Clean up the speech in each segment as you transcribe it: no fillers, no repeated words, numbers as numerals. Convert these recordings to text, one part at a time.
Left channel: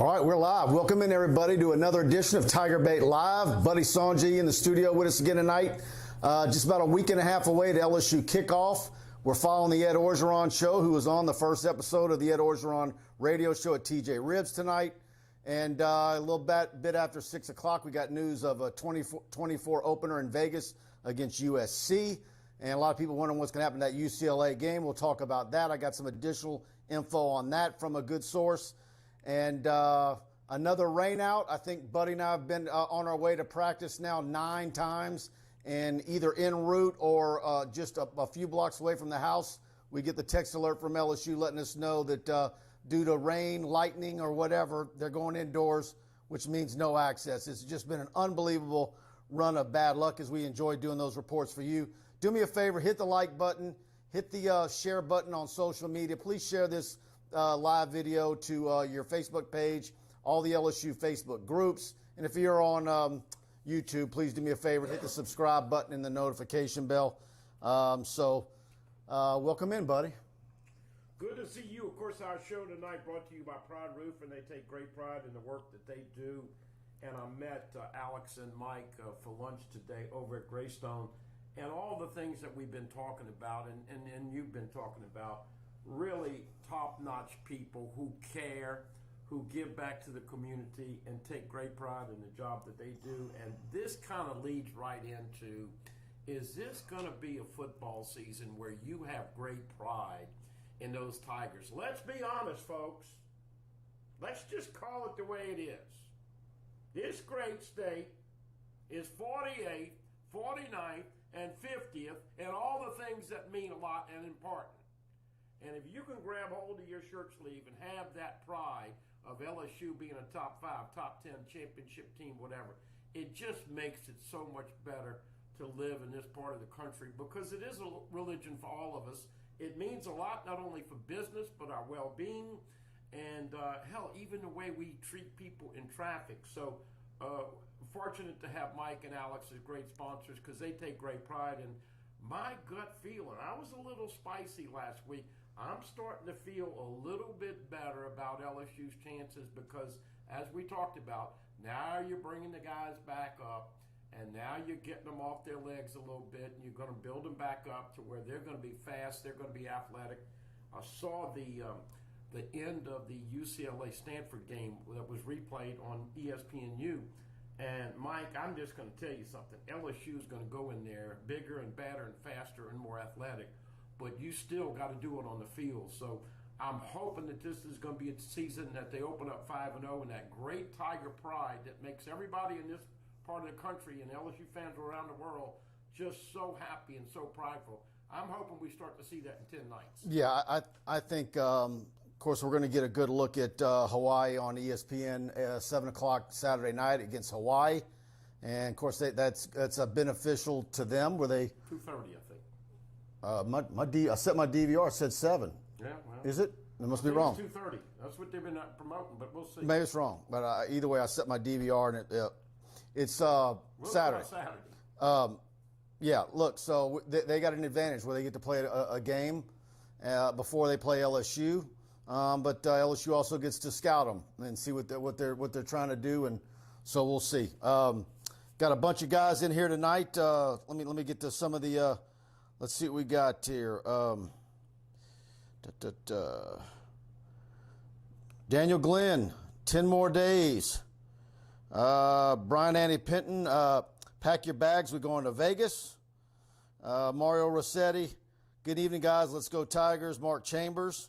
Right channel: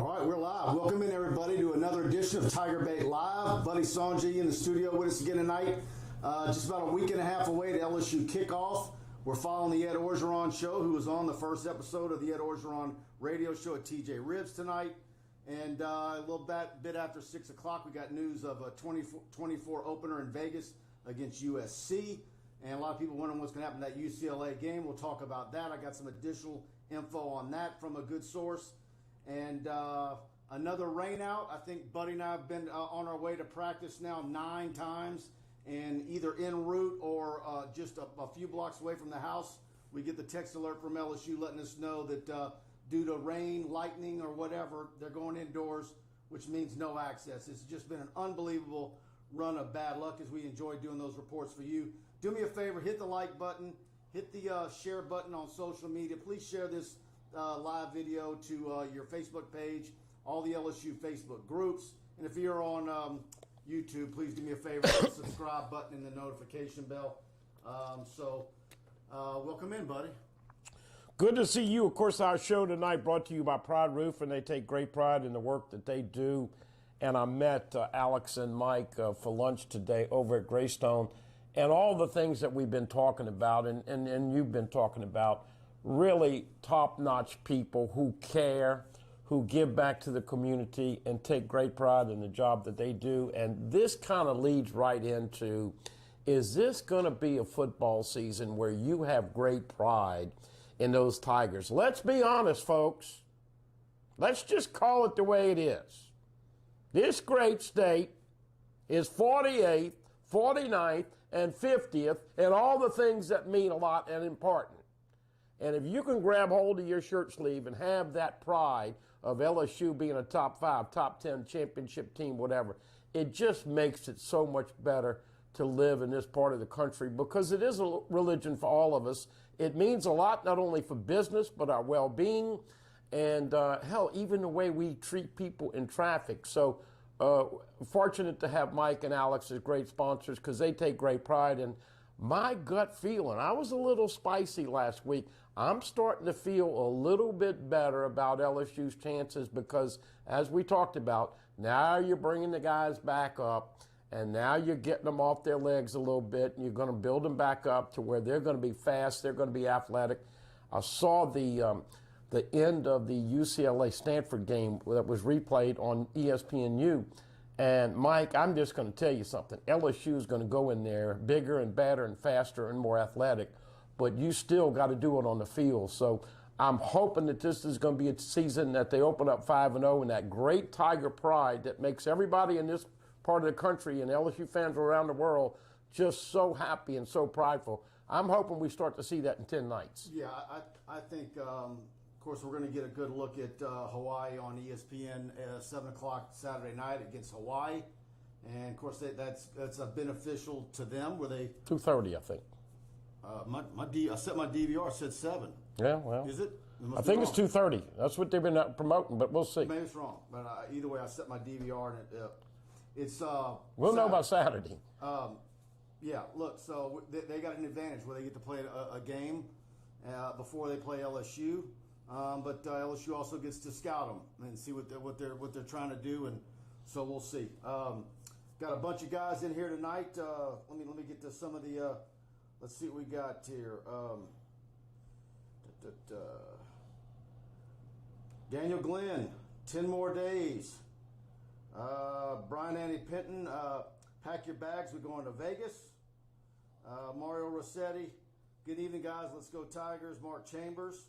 All right, we're live. Welcome in, everybody, to another edition of TigerBait Live. Buddy Sanji in the studio with us again tonight. Just about a week and a half away to LSU kickoff. We're following the Ed Orgeron show, who was on the first episode of the Ed Orgeron radio show at TJ Ribs tonight. And a little bit after 6 o'clock, we got news of a 24 opener in Vegas against USC. And a lot of people wondering what's going to happen in that UCLA game. We'll talk about that. I got some additional info on that from a good source. And another rain out. I think Buddy and I have been on our way to practice now 9 times. And either en route or just a few blocks away from the house, we get the text alert from LSU letting us know that due to rain, lightning, or whatever, they're going indoors, which means no access. It's just been an unbelievable run of bad luck as we enjoy doing those reports for you. Do me a favor, hit the like button, hit the share button on social media. Please share this live video to your Facebook page, all the LSU Facebook groups. And if you're on YouTube, please do me a favor, hit the subscribe button and the notification bell. Welcome in, buddy. Good to see you. Of course, our show tonight brought to you by Pride Roof, and they take great pride in the work that they do. And I met Alex and Mike for lunch today over at Greystone, and all the things that we've been talking about and you've been talking about, really top-notch people who care, who give back to the community and take great pride in the job that they do. And this kind of leads right into, is this going to be a football season where you have great pride in those Tigers? Let's be honest, folks. Let's just call it the way it is. This great state is 48th, 49th, and 50th, and all the things that mean a lot and important. And if you can grab hold of your shirt sleeve and have that pride of LSU being a top 5, top 10 championship team, whatever, it just makes it so much better to live in this part of the country, because it is a religion for all of us. It means a lot, not only for business, but our well-being, and hell, even the way we treat people in traffic. So fortunate to have Mike and Alex as great sponsors, because they take great pride. And my gut feeling, I was a little spicy last week. I'm starting to feel a little bit better about LSU's chances, because as we talked about, now you're bringing the guys back up, and now you're getting them off their legs a little bit, and you're going to build them back up to where they're going to be fast, they're going to be athletic. I saw the end of the UCLA-Stanford game that was replayed on ESPNU. And, Mike, I'm just going to tell you something. LSU is going to go in there bigger and better and faster and more athletic, but you still got to do it on the field. So I'm hoping that this is going to be a season that they open up 5-0, and that great Tiger pride that makes everybody in this part of the country and LSU fans around the world just so happy and so prideful. I'm hoping we start to see that in 10 nights. Yeah, I think, of course, we're going to get a good look at Hawaii on ESPN 7 o'clock Saturday night against Hawaii. And, of course, that's beneficial to them. Were they 2:30, I think. I set my DVR. It said 7. Yeah, well. Is it? I think it's 2:30. That's what they've been promoting, but we'll see. Maybe it's wrong. But either way, I set my DVR, and it's we'll know about Saturday. Yeah, look, so they got an advantage where they get to play a game before they play LSU. But LSU also gets to scout them and see what they're trying to do, and so we'll see. Got a bunch of guys in here tonight. Let me get to some of the. Let's see what we got here. Daniel Glenn, 10 more days. Brian Annie Pinton, pack your bags. We're going to Vegas. Mario Rossetti, good evening, guys. Let's go Tigers. Mark Chambers.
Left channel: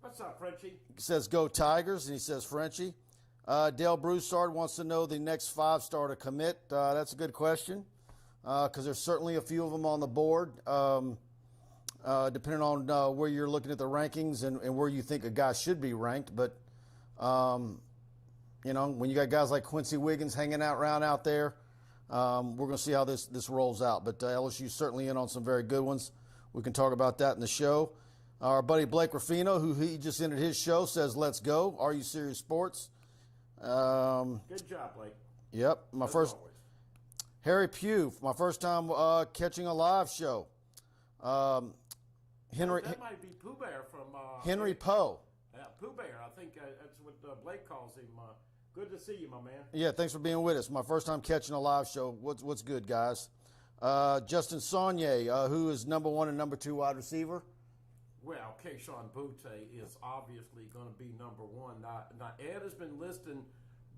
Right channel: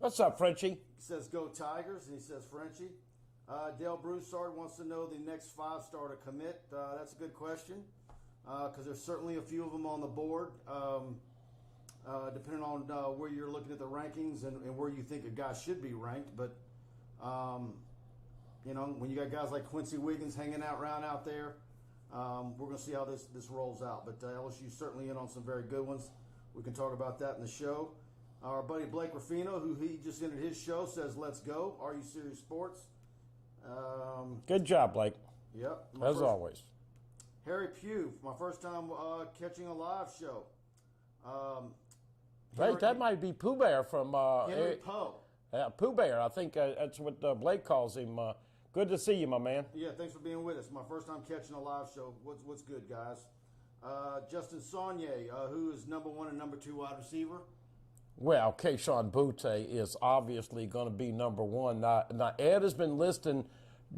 What's up, Frenchie? He says, go Tigers, and he says, Frenchie. Dale Broussard wants to know the next 5-star to commit. That's a good question, because there's certainly a few of them on the board, depending on where you're looking at the rankings and where you think a guy should be ranked. But, when you got guys like Quincy Wiggins hanging out around out there, we're going to see how this rolls out. But LSU's certainly in on some very good ones. We can talk about that in the show. Our buddy Blake Ruffino, who he just ended his show, says, let's go. Are You Serious Sports? Good job, Blake. Yep. As always. Harry Pugh, my first time catching a live show. That might be Pooh Bear from Henry Poe. Pooh Bear, I think that's what Blake calls him. Good to see you, my man. Yeah, thanks for being with us. My first time catching a live show. What's good, guys? Justin Saunier, who is number 1 and number 2 wide receiver? Well, Keyshawn Butte is obviously going to be number 1. Now Ed has been listing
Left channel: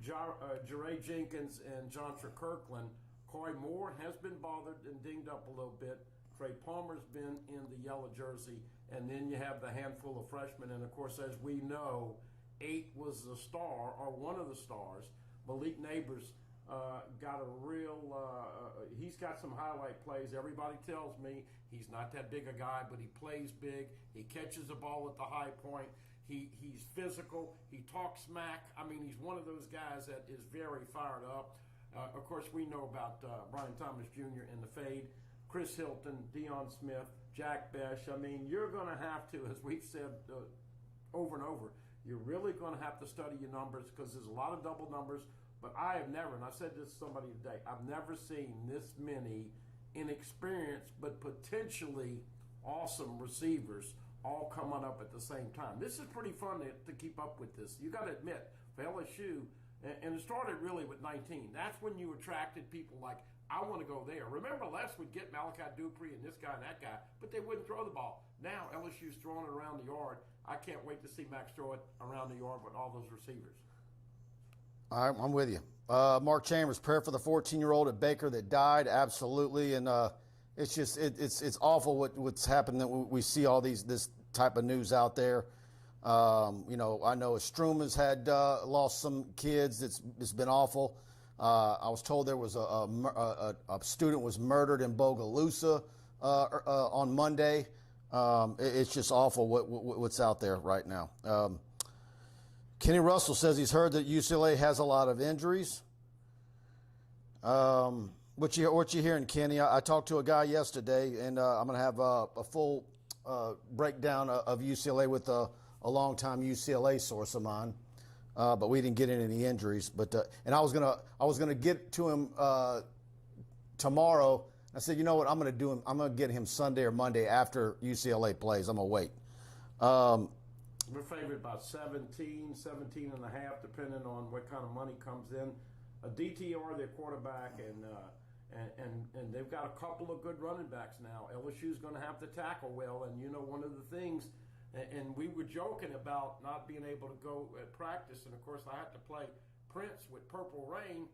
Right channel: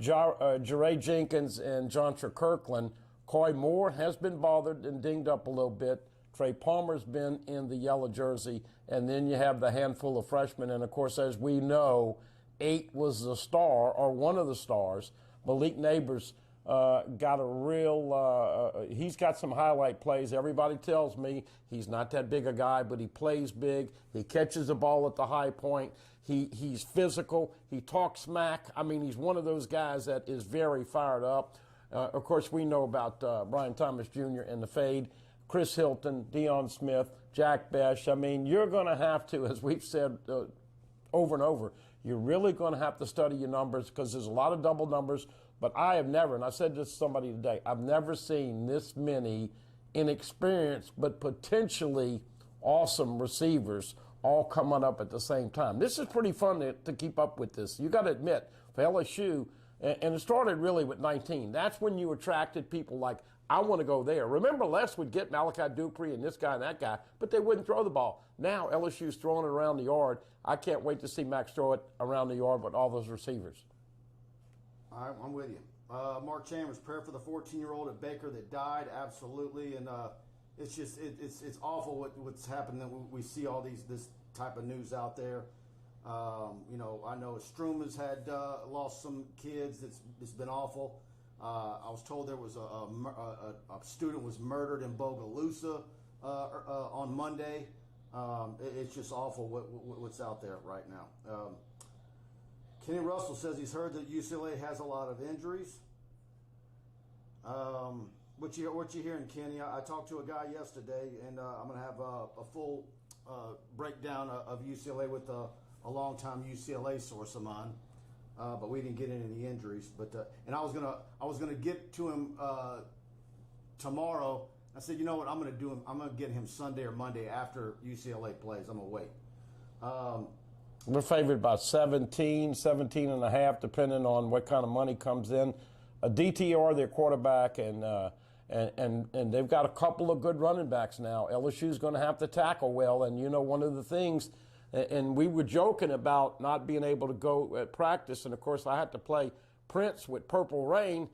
Jeray Jenkins and Jontre Kirkland. Coy Moore has been bothered and dinged up a little bit. Trey Palmer's been in the yellow jersey. And then you have the handful of freshmen. And, of course, as we know, 8 was the star, or one of the stars. Malik Neighbors got a real he's got some highlight plays. Everybody tells me he's not that big a guy, but he plays big. He catches the ball at the high point. He's physical. He talks smack. I mean, he's one of those guys that is very fired up. Of course, we know about Brian Thomas Jr. and the fade. Chris Hilton, Deion Smith, Jack Besh. I mean, you're going to have to, as we've said over and over, you're really going to have to study your numbers because there's a lot of double numbers. But I have never, and I said this to somebody today, I've never seen this many inexperienced but potentially awesome receivers all coming up at the same time. This is pretty fun to keep up with this. You got to admit, for LSU, and it started really with 19. That's when you attracted people like, I want to go there. Remember, Les would get Malachi Dupree and this guy and that guy, but they wouldn't throw the ball. Now LSU's throwing it around the yard. I can't wait to see Max throw it around the yard with all those receivers. All right, I'm with you. Mark Chambers, prayer for the 14-year-old at Baker that died, absolutely. And it's just it's awful what's happened. That we see all this type of news out there. You know, I know Struma's had lost some kids. It's been awful. I was told there was a student was murdered in Bogalusa on Monday. It's just awful what's out there right now. Kenny Russell says he's heard that UCLA has a lot of injuries. What you hearing, Kenny? I talked to a guy yesterday, and I'm going to have a full breakdown of UCLA with a longtime UCLA source of mine. But we didn't get into any injuries. But and I was gonna get to him tomorrow. I said, you know what, I'm gonna get him Sunday or Monday after UCLA plays. I'm gonna wait. We're favored by 17 and a half, depending on what kind of money comes in. DTR, their quarterback, and they've got a couple of good running backs now. LSU's going to have to tackle well, and you know one of the things. And we were joking about not being able to go at practice. And, of course, I had to play Prince with Purple Rain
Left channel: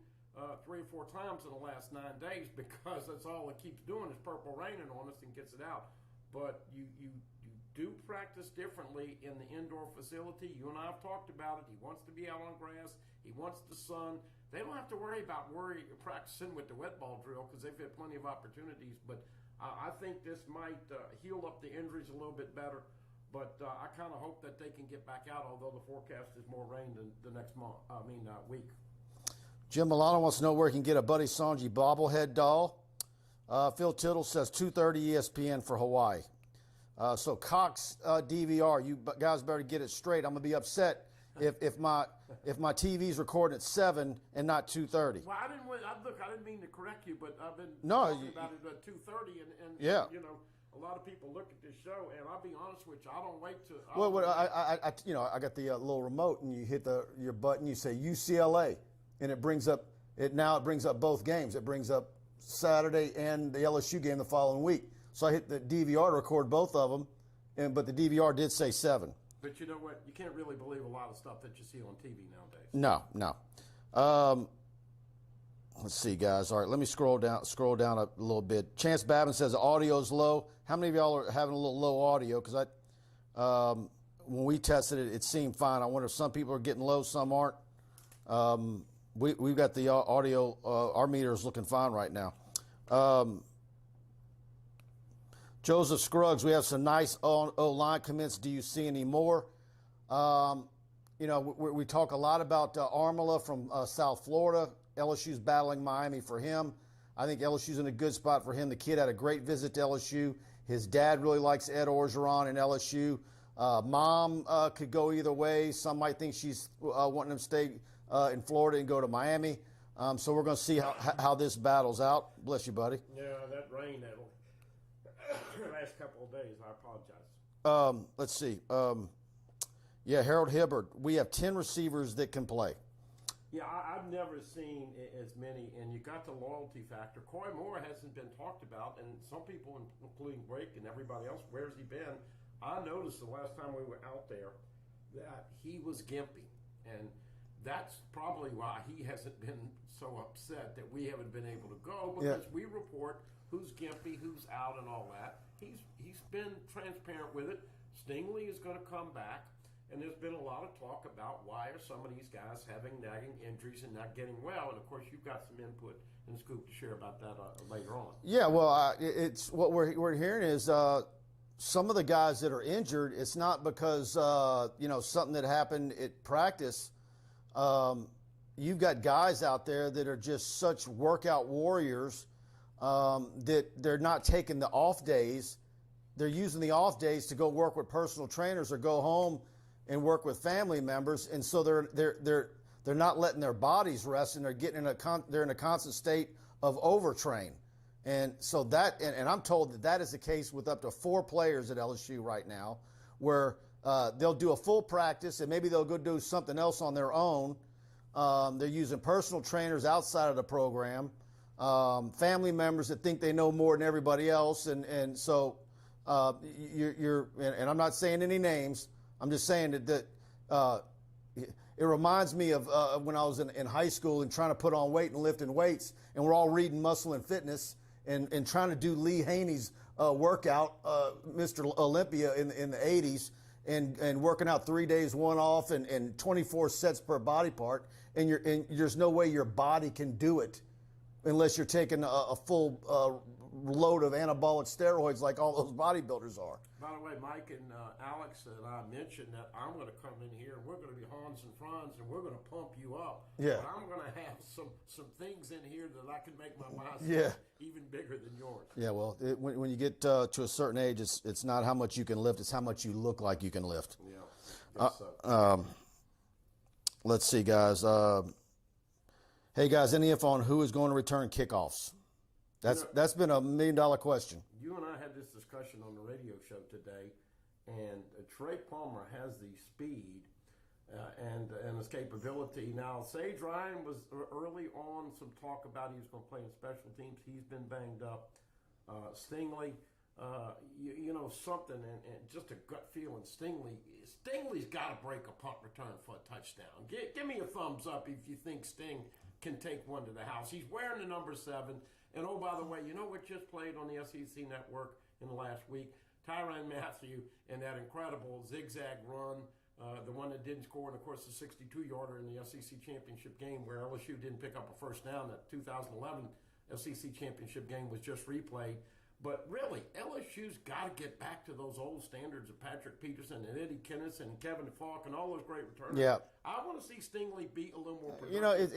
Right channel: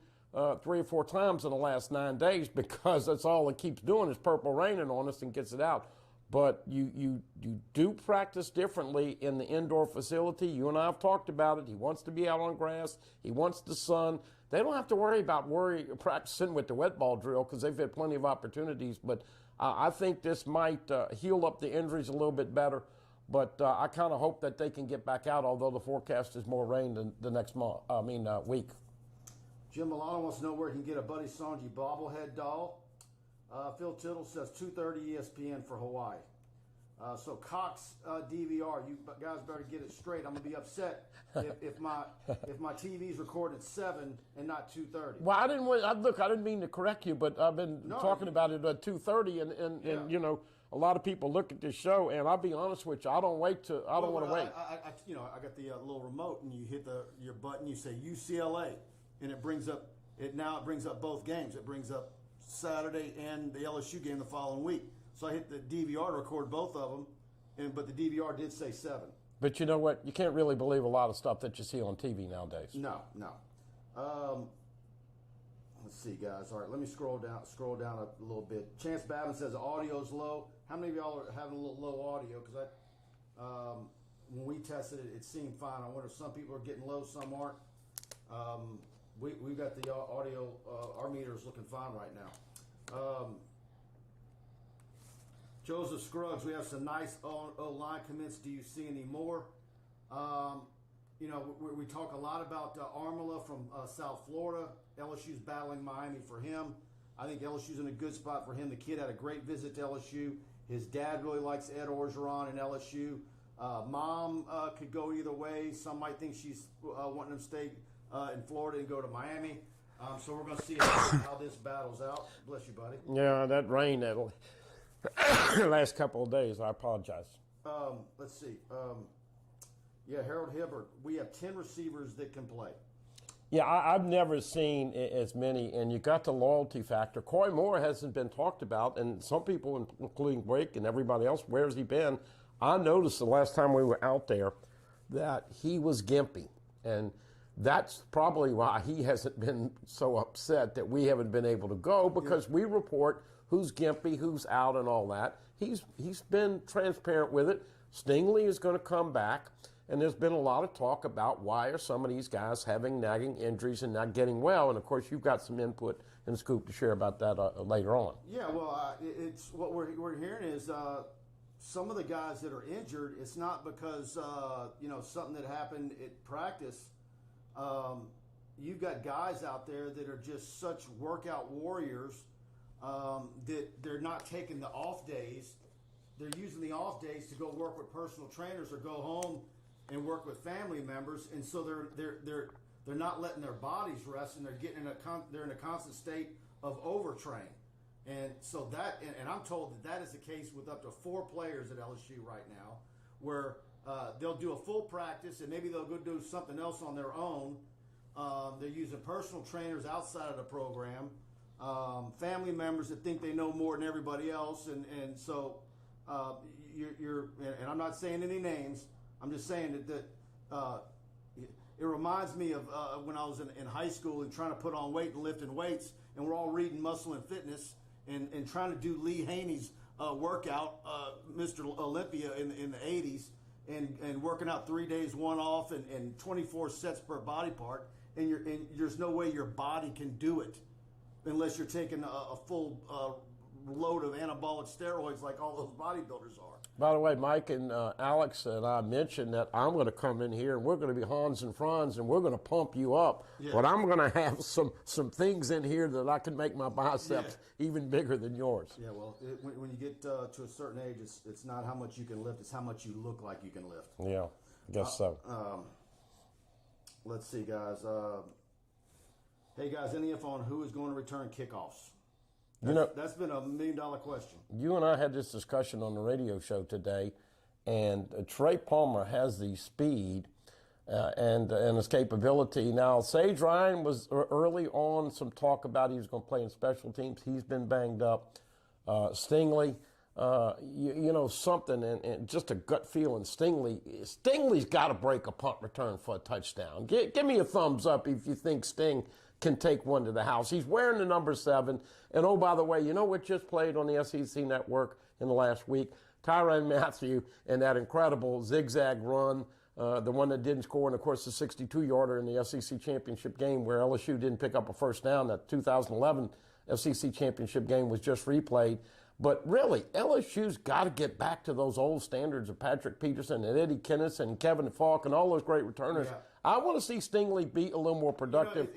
3 or 4 times in the last 9 days because that's all it keeps doing is purple raining on us and gets it out. But you do practice differently in the indoor facility. You and I have talked about it. He wants to be out on grass. He wants the sun. They don't have to worry about practicing with the wet ball drill because they've had plenty of opportunities. But I think this might heal up the injuries a little bit better. But I kind of hope that they can get back out, although the forecast is more rain than the next week. Jim Milano wants to know where he can get a Buddy Sonji bobblehead doll. Phil Tittle says 2:30 ESPN for Hawaii. So Cox DVR, you guys better get it straight. I'm gonna be upset if my TV's recording at 7 and not 2:30. Well, I didn't mean to correct you, but I've been talking about it at 2:30, and you know. A lot of people look at this show, and I'll be honest with you, I don't wait to. I got the little remote, and you hit your button, you say UCLA, and it brings up both games. It brings up Saturday and the LSU game the following week. So I hit the DVR to record both of them, but the DVR did say 7. But you know what? You can't really believe a lot of stuff that you see on TV nowadays. No. Let's see, guys. All right, let me scroll down a little bit. Chance Babin says the audio's low. How many of y'all are having a little low audio? Because when we tested it, it seemed fine. I wonder if some people are getting low, some aren't. We've got the audio. Our meter is looking fine right now. Joseph Scruggs, we have some nice O-line commits. Do you see any more? You know, we talk a lot about Armala from South Florida. LSU's battling Miami for him. I think LSU's in a good spot for him. The kid had a great visit to LSU. His dad really likes Ed Orgeron and LSU. Mom could go either way. Some might think she's wanting him to stay in Florida and go to Miami. So we're going to see how this battles out. Bless you, buddy. Yeah, that rain that last couple of days, I apologize. Let's see. Yeah, Harold Hibbert. We have 10 receivers that can play. Yeah, I've never seen as many, and you got the loyalty factor. Coy Moore hasn't been talked about, and some people, including Blake and everybody else, where's he been? I noticed the last time we were out there that he was gimpy, and that's probably why he hasn't been so upset that we haven't been able to go, because we report who's gimpy, who's out, and all that. He's been transparent with it. Stingley is going to come back. And there's been a lot of talk about why are some of these guys having nagging injuries and not getting well. And, of course, you've got some input and scoop to share about that later on. Yeah, well, it's what we're hearing is some of the guys that are injured, it's not because, something that happened at practice. You've got guys out there that are just such workout warriors that they're not taking the off days. They're using the off days to go work with personal trainers or go home and work with family members, and so they're not letting their bodies rest, and they're getting they're in a constant state of overtrain, and so and I'm told that is the case with up to 4 players at LSU right now, where they'll do a full practice and maybe they'll go do something else on their own. They're using personal trainers outside of the program, family members that think they know more than everybody else, and so and I'm not saying any names. I'm just saying that it reminds me of when I was in high school and trying to put on weight and lifting weights, and we're all reading Muscle and Fitness and trying to do Lee Haney's workout, Mr. Olympia in the 80s, and working out 3 days, one off, and 24 sets per body part, and there's no way your body can do it unless you're taking a full load of anabolic steroids like all those bodybuilders are. By the way, Mike and Alex and I mentioned that I'm going to come in here and we're going to be Hans and Franz and we're going to pump you up. Yeah. But I'm going to have some things in here that I can make my biceps even bigger than yours. Yeah, well, when you get to a certain age, it's not how much you can lift, it's how much you look like you can lift. Yeah, I guess so. Let's see, guys. Hey, guys, any info on who is going to return kickoffs? That's been $1 million question. You and I had this discussion on the radio show today, and Trey Palmer has the speed and his capability. Now, Sage Ryan was early on some talk about he was going to play in special teams. He's been banged up. Stingley, something, and just a gut feeling. Stingley's got to break a punt return for a touchdown. Give me a thumbs up if you think Sting can take one to the house. He's wearing the number 7. And, oh, by the way, you know what just played on the SEC Network in the last week? Tyrann Mathieu and that incredible zigzag run, the one that didn't score, and, of course, the 62-yarder in the SEC championship game where LSU didn't pick up a first down. That 2011 SEC championship game was just replayed. But, really, LSU's got to get back to those old standards of Patrick Peterson and Eddie Kenneth and Kevin Falk and all those great returners. Yeah. I want to see Stingley be a little more productive.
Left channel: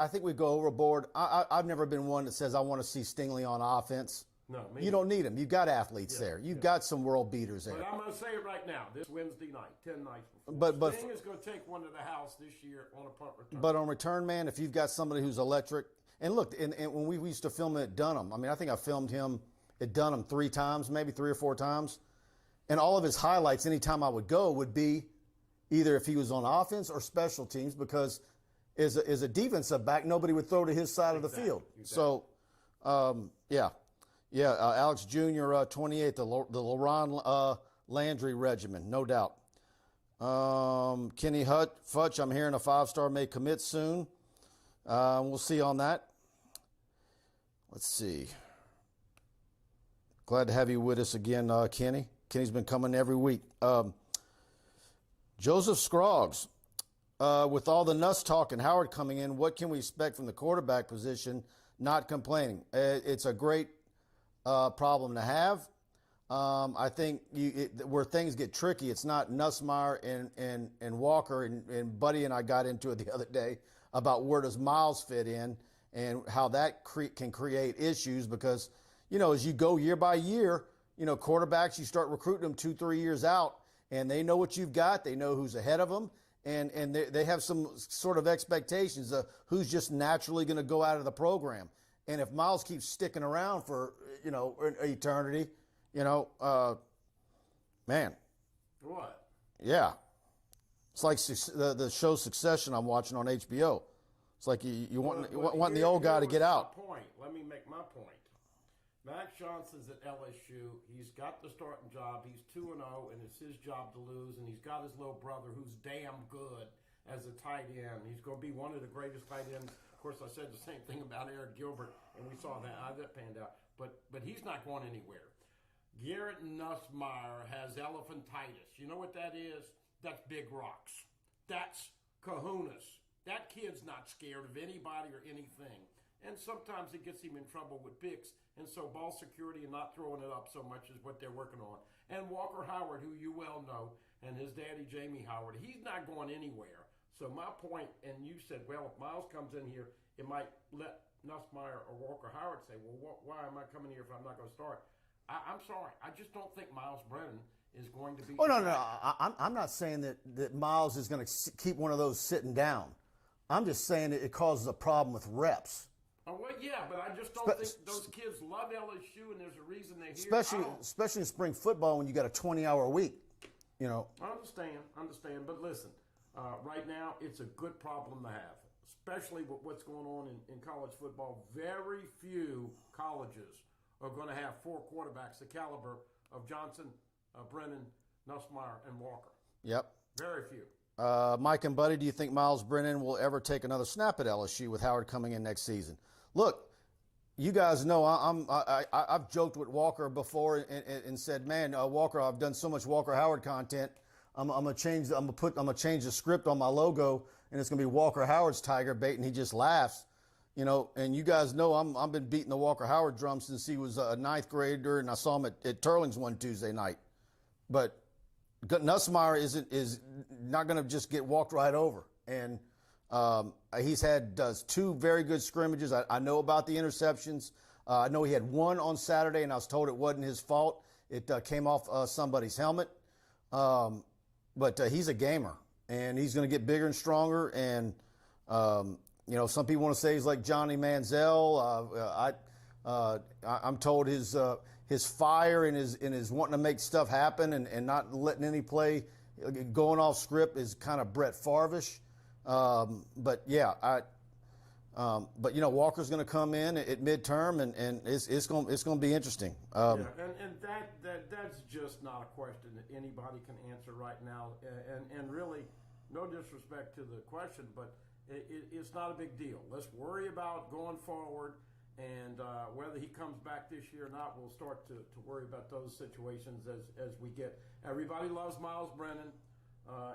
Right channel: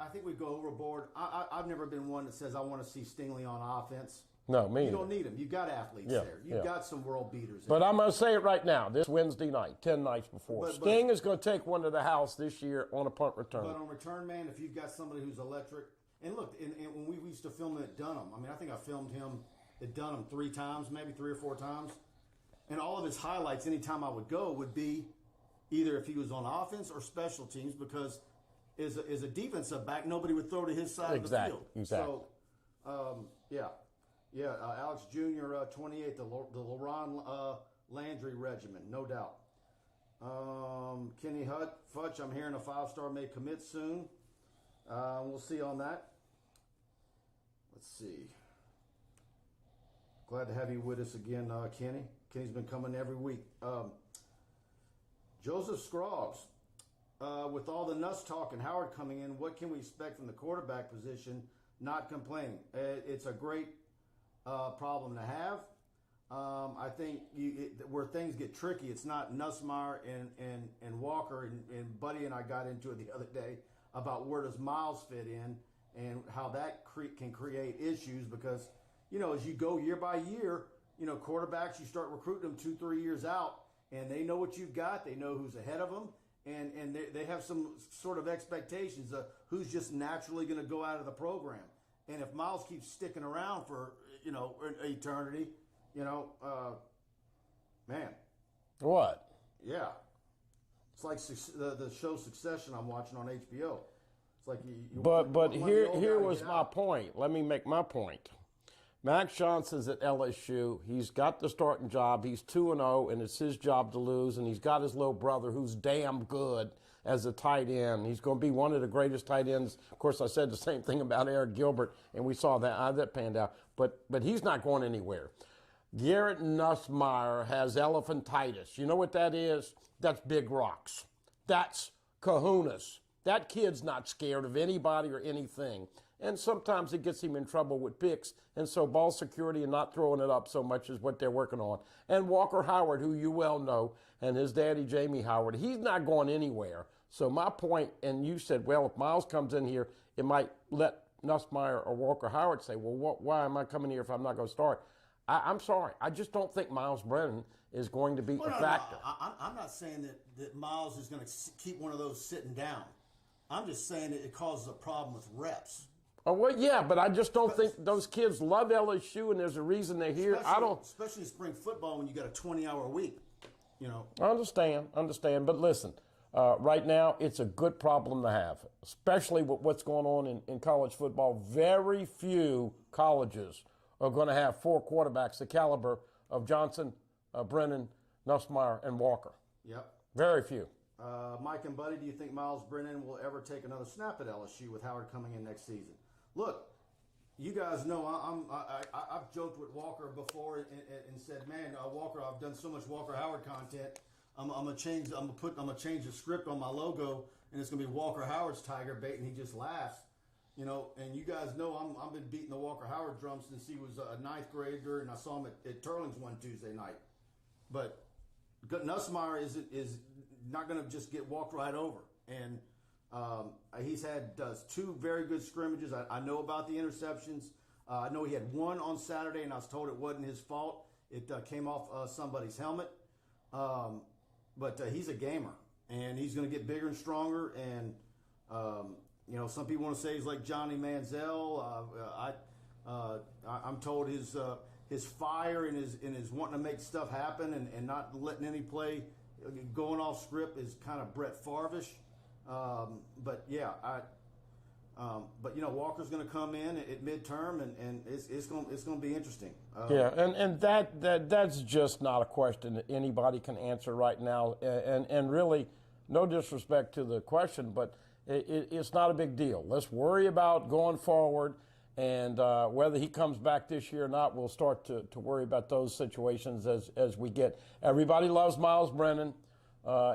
I think we go overboard. I've never been one that says I want to see Stingley on offense. No, me. You don't need him. You've got athletes there. You've got some world beaters there. But I'm going to say it right now, this Wednesday night, 10 nights before. Sting is going to take one to the house this year on a punt return. But on return, man, if you've got somebody who's electric. And look, and when we used to film him at Dunham, I think I filmed him at Dunham 3 times, maybe 3 or 4 times. And all of his highlights, anytime I would go, would be either if he was on offense or special teams, because as a defensive back, nobody would throw to his side of the field. Exactly. So, Alex Jr., 28, the LaRon Landry regimen, no doubt. Kenny Futch, I'm hearing a 5-star may commit soon. We'll see on that. Let's see. Glad to have you with us again, Kenny. Kenny's been coming every week. Joseph Scroggs, with all the Nuss talk and Howard coming in, what can we expect from the quarterback position? Not complaining. It's a great problem to have. I think where things get tricky, it's not Nussmeier and Walker, and Buddy and I got into it the other day about where does Miles fit in and how that can create issues, because as you go year by year, quarterbacks, you start recruiting them 2-3 years out, and they know what you've got. They know who's ahead of them, and they have some sort of expectations of who's just naturally going to go out of the program. And if Miles keeps sticking around for, eternity, man. What? Yeah. It's like the show Succession I'm watching on HBO. It's like you want the old guy to get out. My point. Let me make my point. Max Johnson's at LSU. He's got the starting job. He's 2-0, and it's his job to lose. And he's got his little brother who's damn good as a tight end. He's going to be one of the greatest tight ends. Of course, I said the same thing about Eric Gilbert, and we saw that panned out. But he's not going anywhere. Garrett Nussmeier has elephantitis. You know what that is? That's big rocks. That's kahunas. That kid's not scared of anybody or anything. And sometimes it gets him in trouble with picks. And so ball security and not throwing it up so much is what they're working on. And Walker Howard, who you well know, and his daddy, Jamie Howard, he's not going anywhere. So my point, and you said, well, if Miles comes in here, it might let Nussmeier or Walker Howard say, well, why am I coming here if I'm not going to start? I'm sorry. I just don't think Miles Brennan is going to be a factor. No. I'm not saying that Miles is going to keep one of those sitting down. I'm just saying it causes a problem with reps. Oh, well, yeah, but I just don't think those kids love LSU, and there's a reason they're here. Especially in spring football when you got a 20-hour week, you know. I understand. But listen, right now it's a good problem to have, especially with what's going on in college football. Very few colleges are going to have 4 quarterbacks the caliber of Johnson, Brennan, Nussmeier, and Walker. Yep. Very few. Mike and Buddy, do you think Miles Brennan will ever take another snap at LSU with Howard coming in next season? Look, you guys know I've joked with Walker before and said, man, Walker, I've done so much Walker Howard content. I'm gonna change the script on my logo, and it's gonna be Walker Howard's TigerBait, and he just laughs. You know, and you guys know I've been beating the Walker Howard drum since he was a 9th grader, and I saw him at Turling's one Tuesday night. But Nussmeier is not going to just get walked right over. And he's had 2 very good scrimmages. I know about the interceptions. I know he had 1 on Saturday, and I was told it wasn't his fault. It came off somebody's helmet. But he's a gamer, and he's going to get bigger and stronger. And you know, some people want to say he's like Johnny Manziel. I'm told his fire and his wanting to make stuff happen and not letting any play going off script is kind of Brett Favre-ish. But yeah, but you know, Walker's going to come in at midterm, and it's going to be interesting. And that's just not a question that anybody can answer right now. And really, no disrespect to the question, but it's not a big deal. Let's worry about going forward, and whether he comes back this year or not, we'll start to worry about those situations as we get. Everybody loves Miles Brennan.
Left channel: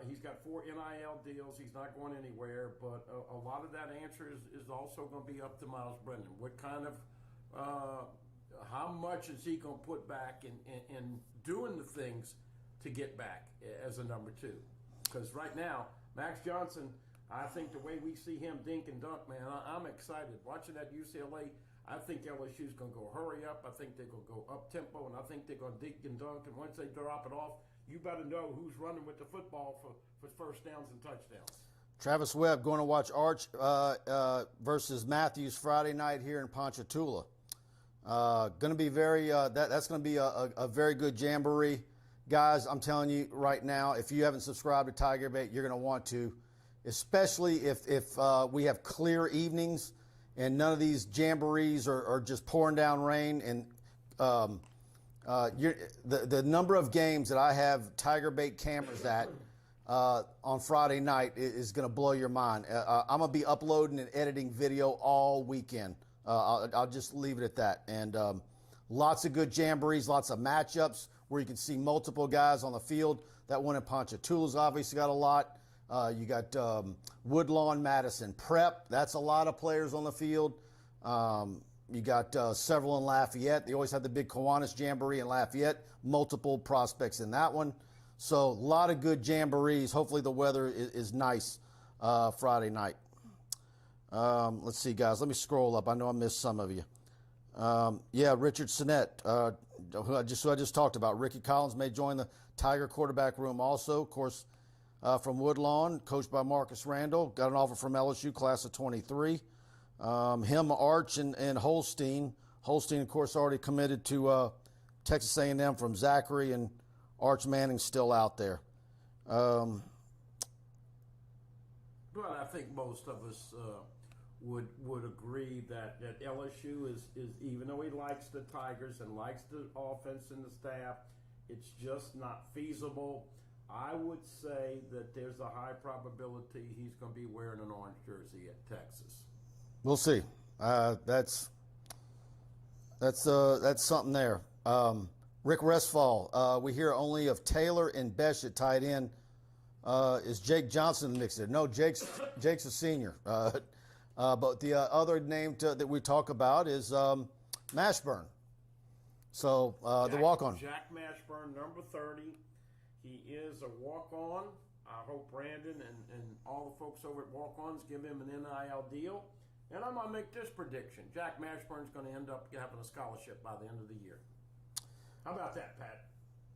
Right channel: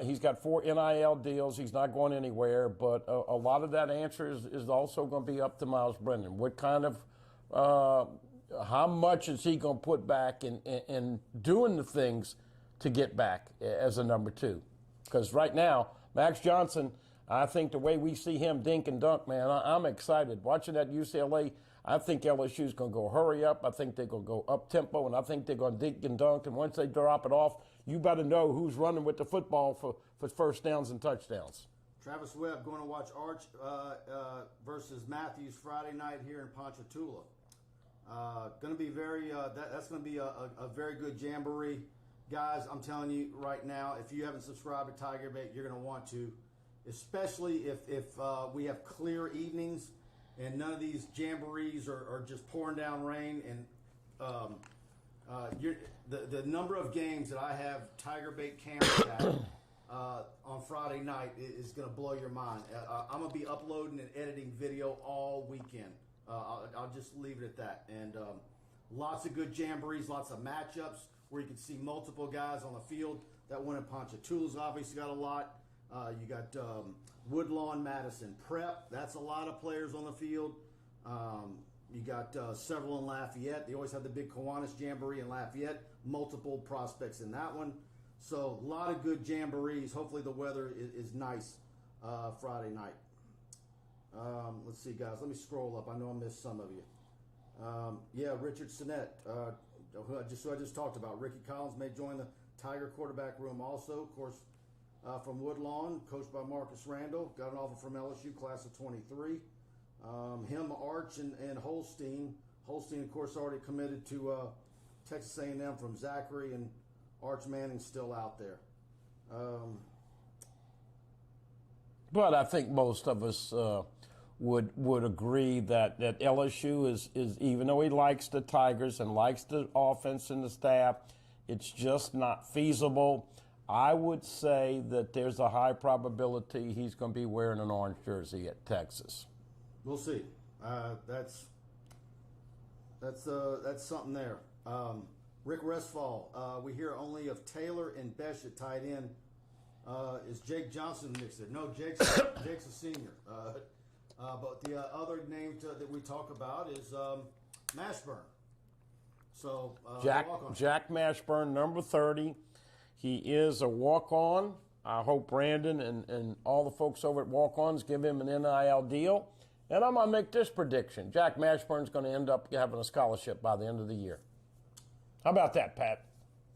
He's got 4 NIL deals. He's not going anywhere, but a lot of that answer is also going to be up to Miles Brennan. What kind of, how much is he going to put back in doing the things to get back as a number 2? Because right now, Max Johnson, I think the way we see him dink and dunk, man, I'm excited. Watching that UCLA, I think LSU's going to go hurry up. I think they're going to go up-tempo, and I think they're going to dink and dunk. And once they drop it off, you better know who's running with the football for first downs and touchdowns. Travis Webb going to watch Arch versus Matthews Friday night here in Ponchatoula. Going to be that's going to be a very good jamboree. Guys, I'm telling you right now, if you haven't subscribed to TigerBait, you're going to want to, especially if we have clear evenings and none of these jamborees are just pouring down rain. And the number of games that I have TigerBait cameras at on Friday night is going to blow your mind. I'm going to be uploading and editing video all weekend. I'll just leave it at that. And lots of good jamborees, lots of matchups where you can see multiple guys on the field. That one in Ponchatoula's obviously got a lot. You got Woodlawn, Madison Prep. That's a lot of players on the field. You got several in Lafayette. They always have the big Kiwanis Jamboree in Lafayette. Multiple prospects in that one. So a lot of good jamborees. Hopefully the weather is nice Friday night. Let's see, guys. Let me scroll up. I know I missed some of you. Yeah, Richard Sinnett, who I just talked about. Ricky Collins may join the Tiger quarterback room also. Of course, from Woodlawn, coached by Marcus Randall. Got an offer from LSU, class of 23. Him, Arch, and Holstein. Holstein, of course, already committed to Texas A&M from Zachary, and Arch Manning's still out there. But I think most of us would agree that LSU is, even though he likes the Tigers and likes the offense and the staff, it's just not feasible. I would say that there's a high probability he's going to be wearing an orange jersey at Texas. We'll see. That's something there. Rick Restfall, we hear only of Taylor and Besh at tight end. Is Jake Johnson mixed in? No, Jake's a senior. But the other name that we talk about is Mashburn. So the walk-on. Jack Mashburn, number 30. He is a walk-on. I hope Brandon and all the folks over at Walk-Ons give him an NIL deal. And I'm going to make this prediction. Jack Mashburn's going to end up having a scholarship by the end of the year. How about that, Pat?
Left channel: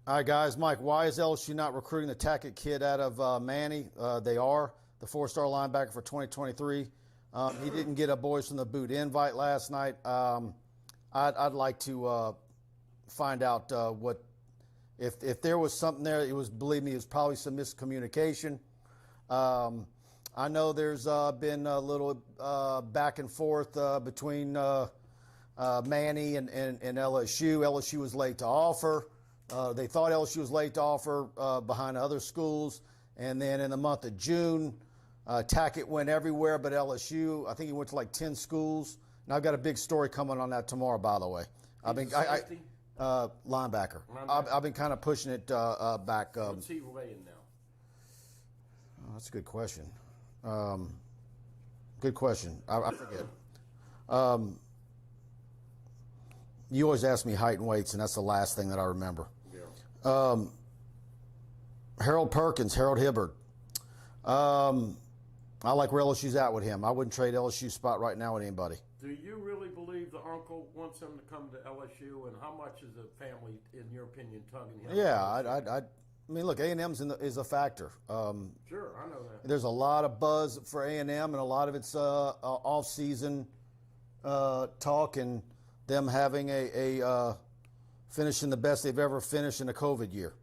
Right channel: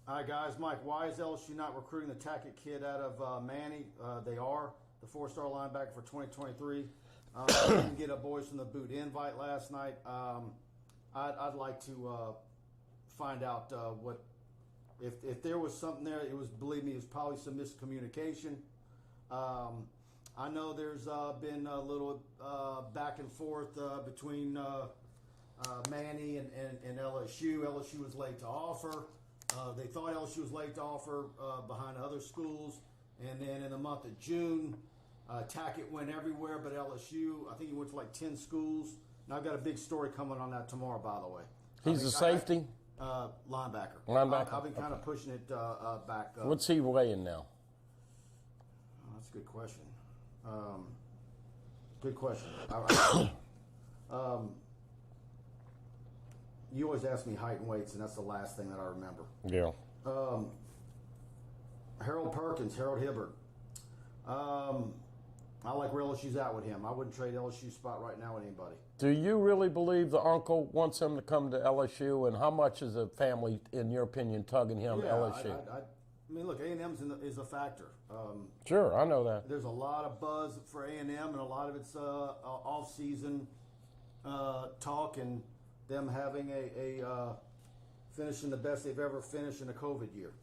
All right, guys. Mike, why is LSU not recruiting the Tackett kid out of Manny? They are the 4-star linebacker for 2023. Didn't get a Boys from the Boot invite last night. I'd like to find out what if there was something there. It was, believe me, it was probably some miscommunication. I know there's been a little back and forth between Manny and LSU. LSU was late to offer. They thought LSU was late to offer behind other schools. And then in the month of June, Tackett went everywhere but LSU. I think he went to like 10 schools. And I've got a big story coming on that tomorrow, by the way. He's a safety? Linebacker. I've been kind of pushing it back. What's he weighing now? That's a good question. Good question. You always ask me height and weights, and that's the last thing that I remember. Yeah. Harold Perkins, Harold Hibbard. I like where LSU's at with him. I wouldn't trade LSU spot right now with anybody. Do you really believe the uncle wants him to come to LSU, and how much is the family, in your opinion, tugging him? Yeah, I mean, look, A&M's is a factor. Sure, I know that. There's a lot of buzz for A&M, and a lot of it's off-season talk and them having a finishing the best they've ever finished in a COVID year,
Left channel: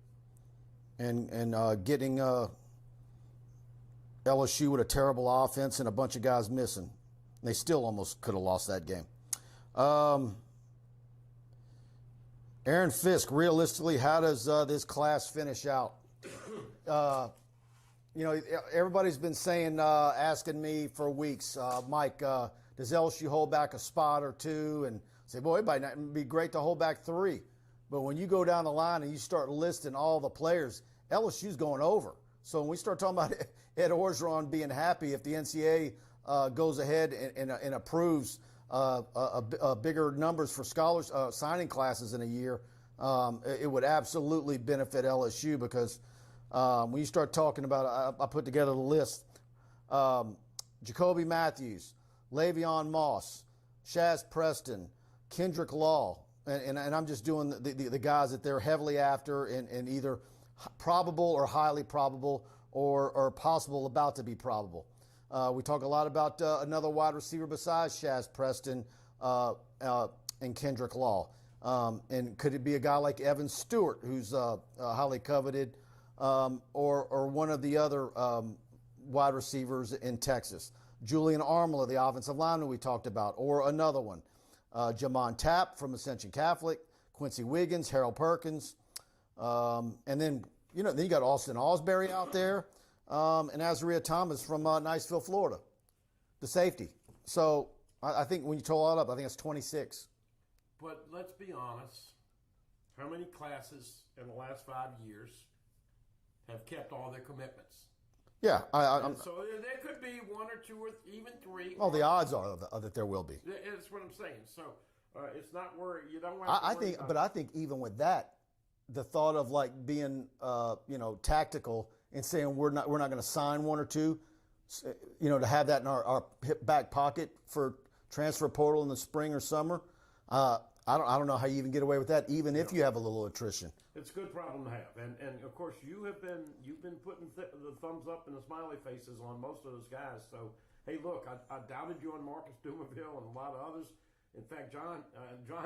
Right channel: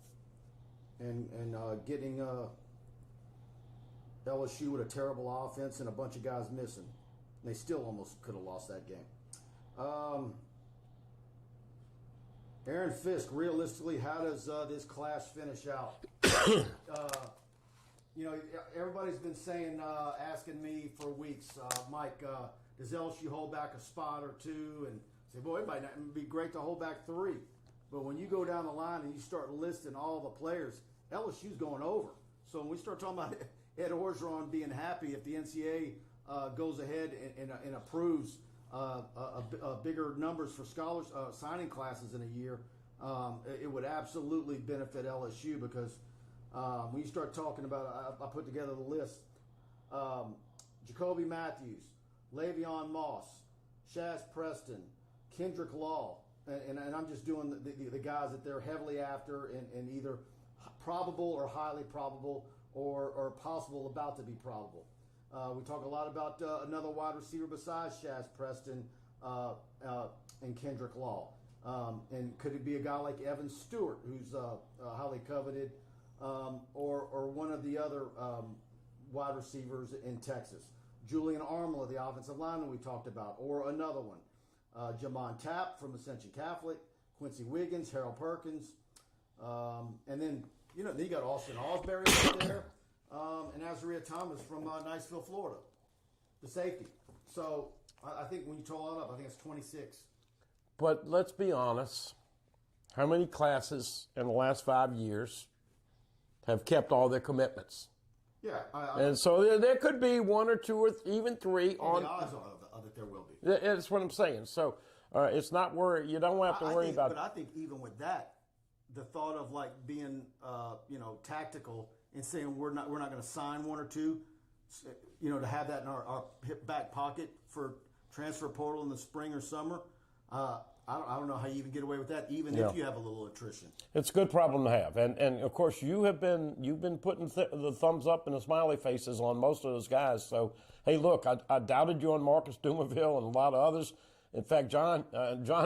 and getting LSU with a terrible offense and a bunch of guys missing. They still almost could have lost that game. Aaron Fisk, realistically, how does this class finish out? Everybody's been saying, asking me for weeks, Mike, does LSU hold back a spot or two? And say, boy, it'd be great to hold back 3. But when you go down the line and you start listing all the players, LSU's going over. So when we start talking about Ed Orgeron being happy if the NCAA goes ahead and approves bigger numbers for scholars signing classes in a year, it would absolutely benefit LSU because when you start talking about, I put together the list, Jacoby Matthews, Le'Veon Moss, Shaz Preston, Kendrick Law, and I'm just doing the guys that they're heavily after and either probable or highly probable or possible about to be probable. We talk a lot about another wide receiver besides Shaz Preston and Kendrick Law. And could it be a guy like Evan Stewart, who's highly coveted, or one of the other wide receivers in Texas? Julian Armler, the offensive lineman we talked about, or another one. Jamon Tapp from Ascension Catholic, Quincy Wiggins, Harold Perkins. And then you got Austin Osbury out there. And Azariah Thomas from Niceville, Florida, the safety. So I think when you total that up, I think it's 26. But let's be honest. How many classes in the last 5 years have kept all their commitments? Yeah. And so there could be 1 or 2 or even 3. Oh, the odds are that there will be. That's what I'm saying. So it's not worry. You don't have to worry about it. But I think even with that, the thought of like being, tactical and saying we're not going to sign 1 or 2, to have that in our hip back pocket for transfer portal in the spring or summer. I don't know how you even get away with that, even if you have a little attrition. It's a good problem to have, and of course you've been putting the thumbs up and the smiley faces on most of those guys. So hey, look, I doubted you on Marcus Dumerville and a lot of others. In fact, John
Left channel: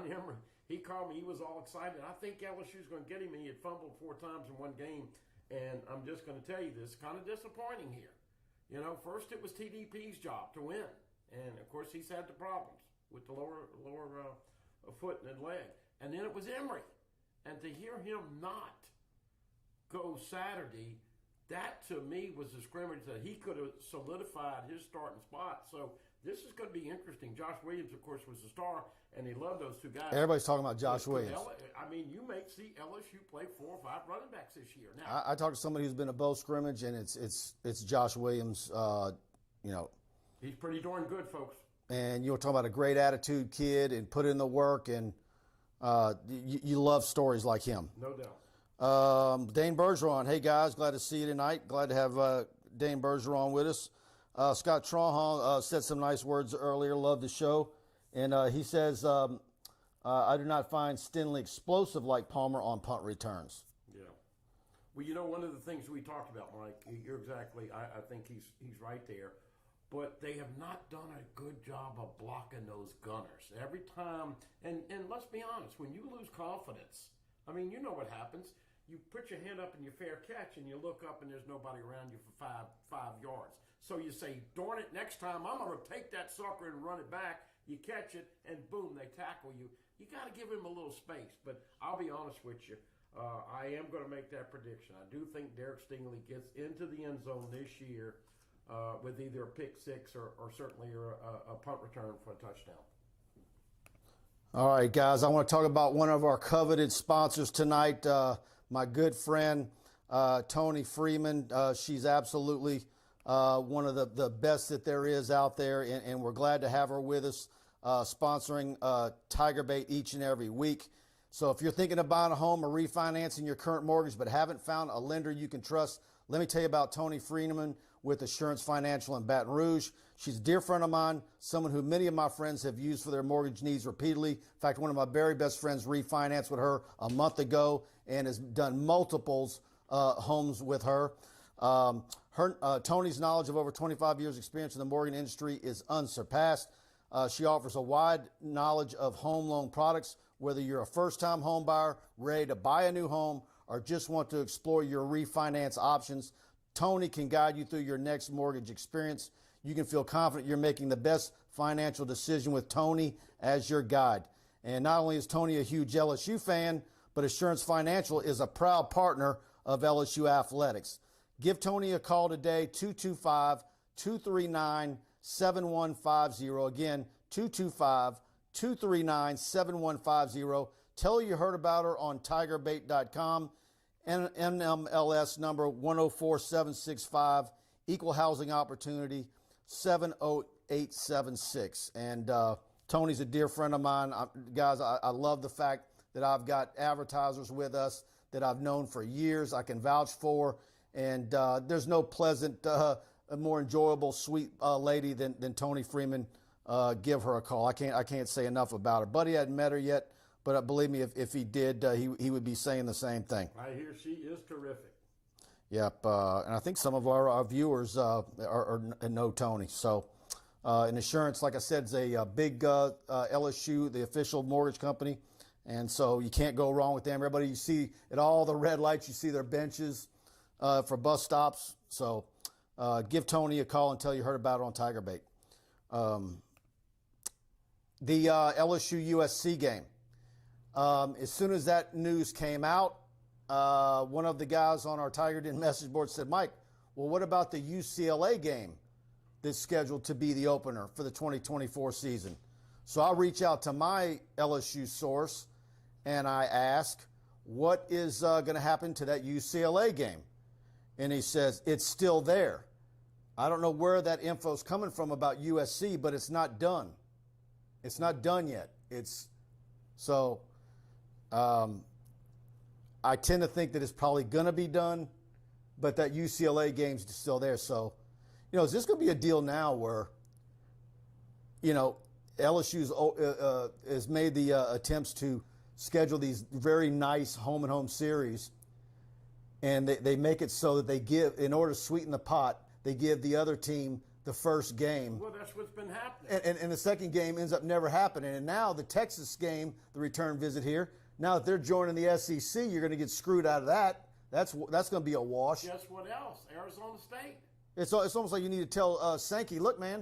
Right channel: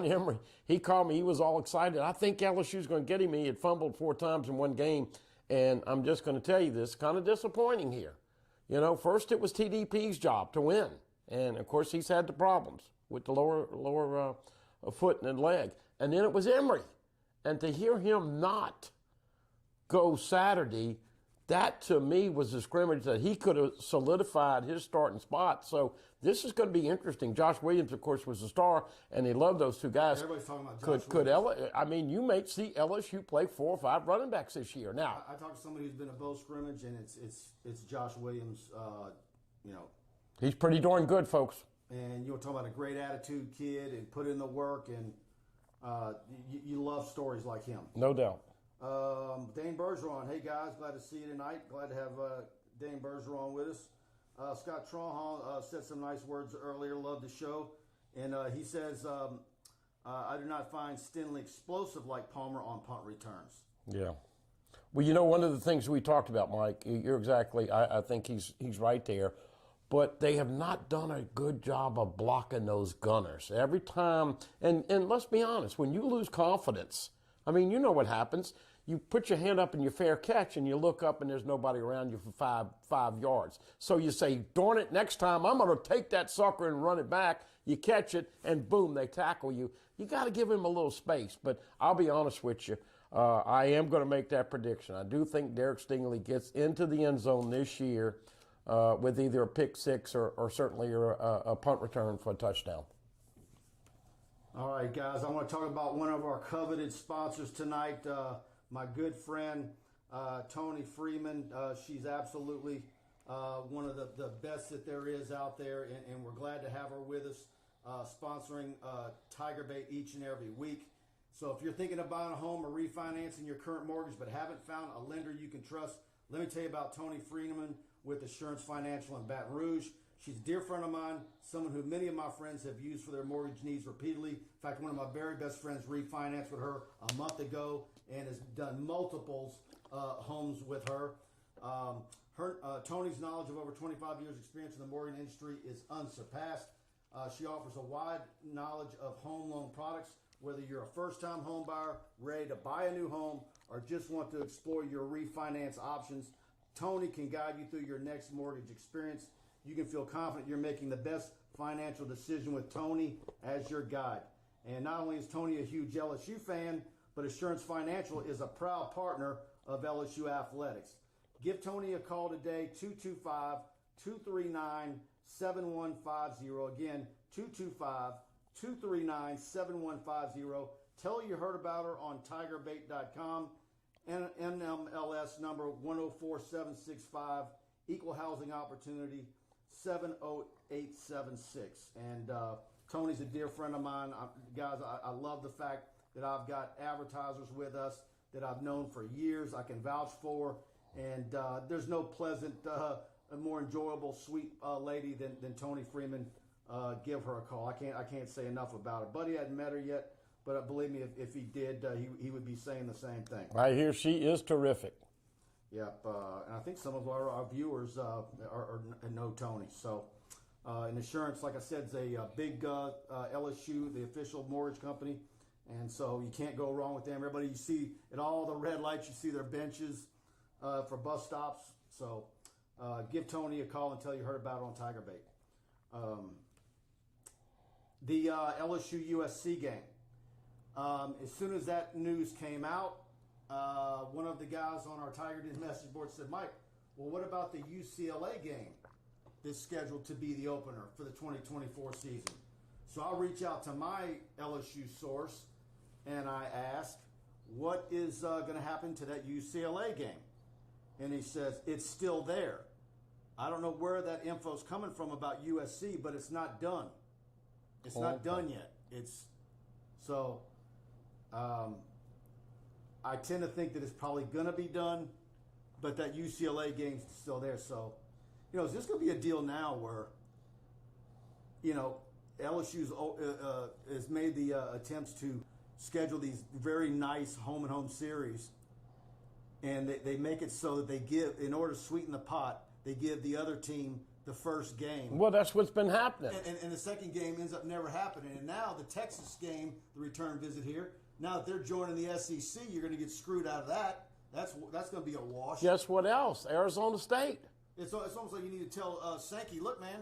Emery, he called me. He was all excited. I think LSU's going to get him. He had fumbled 4 times in one game. And I'm just going to tell you this, kind of disappointing here. You know, first it was TDP's job to win. And, of course, he's had the problems with the lower foot and leg. And then it was Emory. And to hear him not go Saturday, that to me was a scrimmage that he could have solidified his starting spot. So this is going to be interesting. Josh Williams, of course, was the star, and they love those two guys. Everybody's talking about Josh Williams. I mean, you may see LSU play 4 or 5 running backs this year. Now, I talked to somebody who's been a bow scrimmage, and it's Josh Williams. You know, he's pretty darn good, folks. And you'll talk about a great attitude kid and put in the work, and you love stories like him. No doubt. Dane Bergeron, hey guys, glad to see you tonight. Glad to have Dane Bergeron with us. Scott Tronhall said some nice words earlier. Love the show. And he says, I do not find Stinley explosive like Palmer on punt returns. Yeah. Well, you know, one of the things we talked about, Mike, you're exactly, I think he's right there. But they have not done a good job of blocking those gunners. Every time, and let's be honest, when you lose confidence, I mean, you know what happens. You put your hand up in your fair catch and you look up and there's nobody around you for five yards. So you say, darn it, next time I'm going to take that sucker and run it back. You catch it and boom, they tackle you. You got to give him a little space. But I'll be honest with you. I am going to make that prediction. I do think Derek Stingley gets into the end zone this year with either a pick six or certainly a punt return for a touchdown. All right, guys, I want to talk about one of our coveted sponsors tonight, my good friend, Tony Freeman. She's absolutely one of the best that there is out there, and we're glad to have her with us, sponsoring TigerBait each and every week. So if you're thinking of buying a home or refinancing your current mortgage but haven't found a lender you can trust, let me tell you about Tony Freeman with Assurance Financial in Baton Rouge. She's a dear friend of mine, someone who many of my friends have used for their mortgage needs repeatedly. In fact, one of my very best friends refinanced with her a month ago and has done multiples homes with her. Tony's knowledge of over 25 years experience in the mortgage industry is unsurpassed. She offers a wide knowledge of home loan products, whether you're a first-time home buyer, ready to buy a new home, or just want to explore your refinance options. Tony can guide you through your next mortgage experience. You can feel confident you're making the best financial decision with Tony as your guide. And not only is Tony a huge LSU fan, but Assurance Financial is a proud partner of LSU Athletics. Give Tony a call today, 225-239-7150. Again, 225-239-7150. Tell her you heard about her on TigerBait.com. NMLS number 104765, Equal Housing Opportunity 70876. And Tony's a dear friend of mine. Guys, I love the fact that I've got advertisers with us that I've known for years, I can vouch for. And there's no pleasant, more enjoyable, sweet lady than Tony Freeman. Give her a call. I can't say enough about her. Buddy hadn't met her yet, but believe me, if he did, he would be saying the same thing. I hear she is terrific. Yep, and I think some of our viewers know Tony. So, in Assurance, like I said, is a big LSU, the official mortgage company, and so you can't go wrong with them. Everybody you see at all the red lights, you see their benches for bus stops. So, give Tony a call and tell you heard about it on TigerBait. The LSU USC game. As soon as that news came out, one of the guys on our Tiger Den message board said, Mike, well, what about the UCLA game that's scheduled to be the opener for the 2024 season? So I reach out to my LSU source and I ask, what is going to happen to that UCLA game? And he says, it's still there. I don't know where that info is coming from about USC, but it's not done. It's not done yet. I tend to think that it's probably going to be done, but that UCLA game's still there. So, is this going to be a deal now where, LSU's has made the attempts to schedule these very nice home-and-home series, and they make it so that they give, in order to sweeten the pot, they give the other team the first game. Well, that's what's been happening. And the second game ends up never happening. And now the Texas game, the return visit here, now that they're joining the SEC, you're going to get screwed out of that. That's going to be a wash. Guess what else? Arizona State. It's almost like you need to tell Sankey, look, man,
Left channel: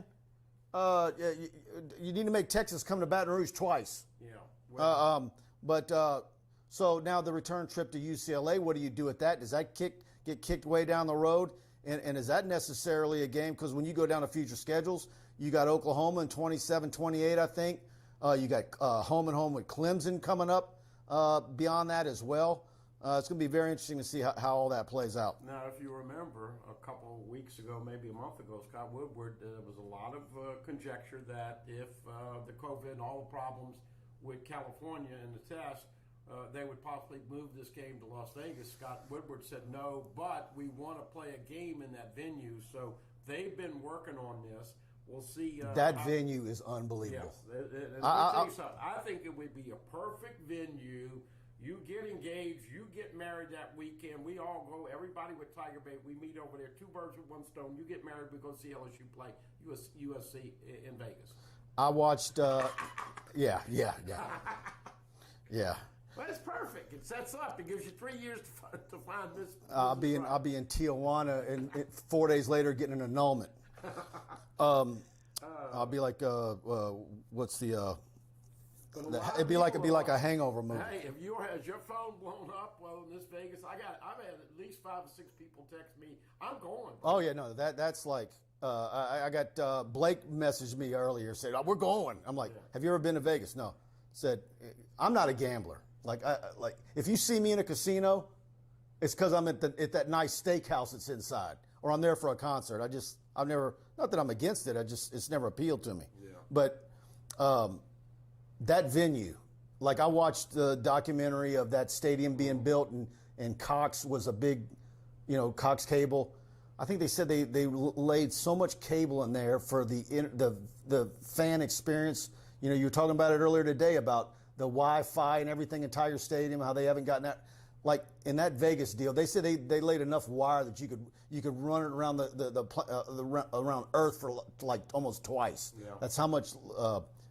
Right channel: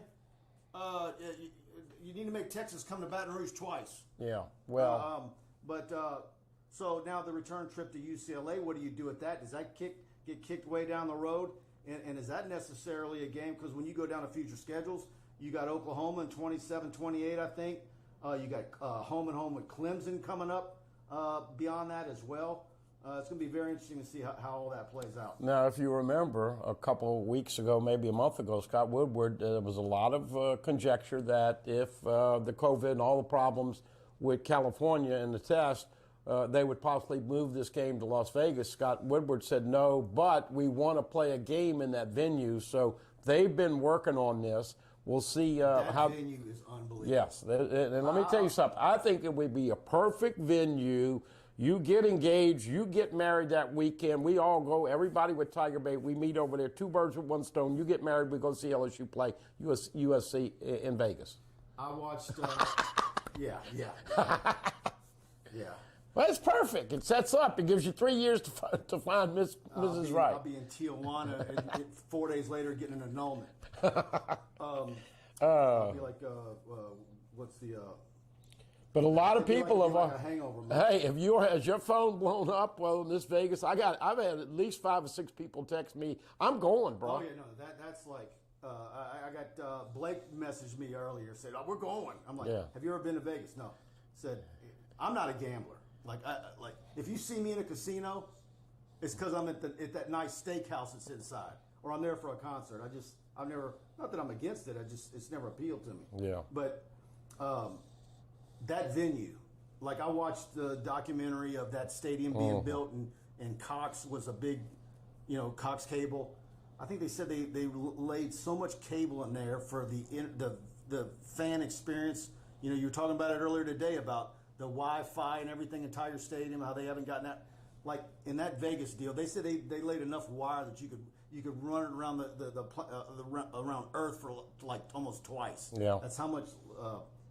you need to make Texas come to Baton Rouge twice. Yeah. Well, so now the return trip to UCLA, what do you do with that? Does that get kicked way down the road? And is that necessarily a game? Because when you go down to future schedules, you got Oklahoma in 27, 28, I think. You got home and home with Clemson coming up beyond that as well. It's going to be very interesting to see how all that plays out. now, if you remember, a couple of weeks ago, maybe a month ago, Scott Woodward, there was a lot of conjecture that if the COVID and all the problems with California and the test, they would possibly move this game to Las Vegas. Scott Woodward said no, but we want to play a game in that venue. So they've been working on this. We'll see. That venue is unbelievable. Yes, and let me tell you something. I think it would be a perfect venue. You get engaged, you get married that weekend. We all go, everybody with TigerBait, we meet over there, two birds with one stone. You get married, we go see LSU play USC in Vegas. I watched, yeah. Well, it's perfect. It sets up. It gives you 3 years to find Mrs. Right. I'll be in Tijuana, and 4 days later getting an annulment. I'll be like, what's the? But a lot of people it'd be like a hangover movie. Hey, has your phone blown up? Well, in this Vegas, I've had at least 5 or 6 people text me, I'm going, bro. Oh yeah, no, that's like. I got Blake messaged me earlier, said, "Oh, we're going." I'm like, Yeah. "Have you ever been to Vegas?" No. Said, "I'm not a gambler. Like if you see me in a casino, it's because I'm at that nice steakhouse that's inside, or I'm there for a concert. I've never, not that I'm against it. It's never appealed to me. Yeah. But that venue, like I watched the documentary of that stadium being built, and Cox was a big, Cox Cable. I think they said they laid so much cable in there for the fan experience. You were talking about it earlier today about the Wi-Fi and everything in Tiger Stadium, how they haven't gotten that. Like in that Vegas deal, they said they laid enough wire that you could run it around around Earth for like almost twice. Yeah. That's how much.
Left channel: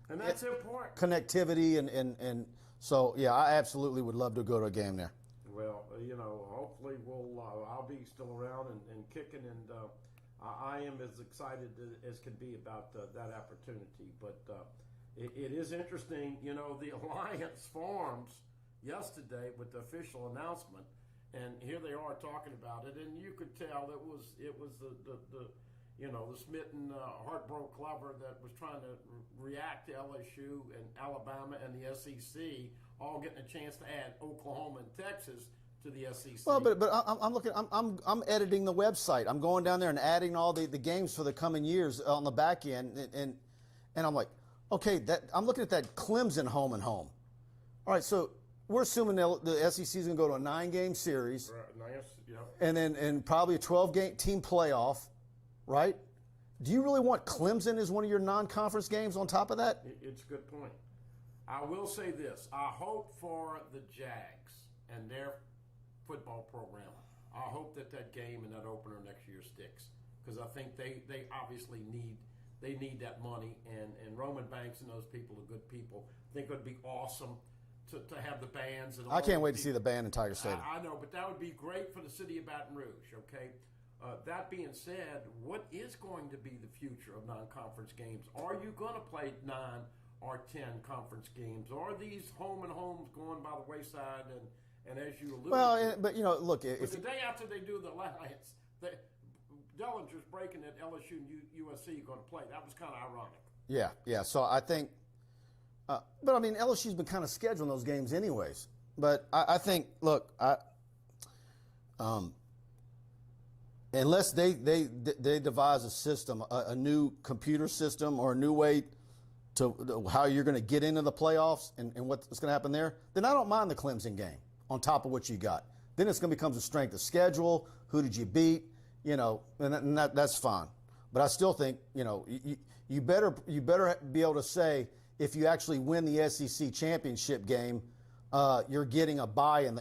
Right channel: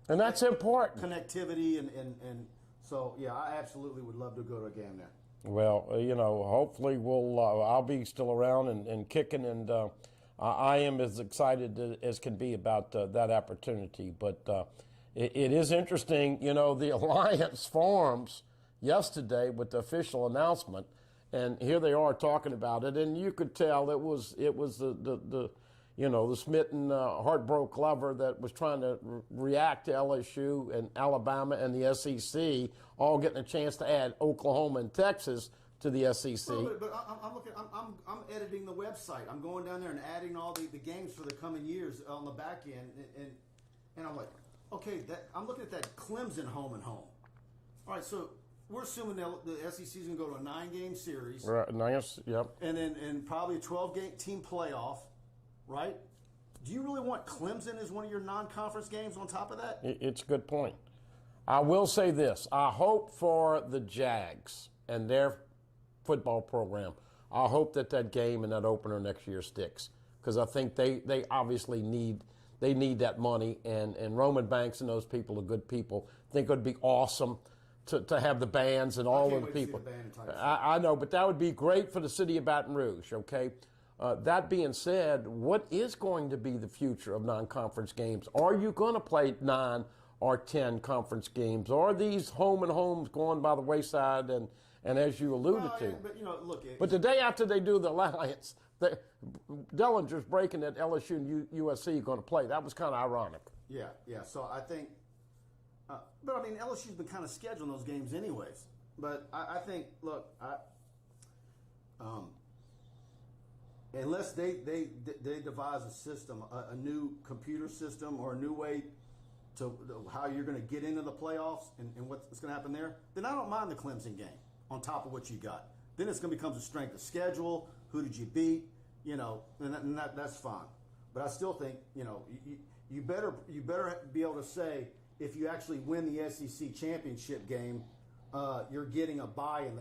And that's important. Connectivity and so yeah, I absolutely would love to go to a game there. Well, hopefully I'll be still around and kicking, and I am as excited as can be about that opportunity. But it is interesting, the alliance forms yesterday with the official announcement, and here they are talking about it, and you could tell it was the smitten, heartbroken lover that was trying to react to LSU and Alabama and the SEC all getting a chance to add Oklahoma and Texas to the SEC. Well, but I'm looking. I'm editing the website. I'm going down there and adding all the games for the coming years on the back end, and I'm like, okay, I'm looking at that Clemson home and home. All right, so we're assuming the SEC is going to go to a 9-game series, Right, nice, yep. and probably a 12-game team playoff. Right? Do you really want Clemson as one of your non-conference games on top of that? It's a good point. I will say this. I hope for the Jags and their football program, I hope that game and that opener next year sticks, because I think they obviously need that money, and Roman Banks and those people are good people. I think it would be awesome to have the bands and all. I can't wait people. to see the band in Tiger Stadium. I know, but that would be great for the city of Baton Rouge, okay? That being said, what is going to be the future of non-conference games? Are you going to play 9 or 10 conference games? Are these home and homes going by the wayside? And as you alluded to, but look. But the day after they do the alliance, Dellinger's breaking that LSU and USC are going to play. That was kind of ironic. Yeah. So I think, but I mean, LSU's been kind of scheduling those games anyways. But I think, look, unless they devise a system, a new computer system or a new way to how you're going to get into the playoffs and what's going to happen there, then I don't mind the Clemson game on top of what you got. Then it's going to become a strength of schedule. Who did you beat? And that's fine. But I still think, you better be able to say if you actually win the SEC championship game, you're getting a bye in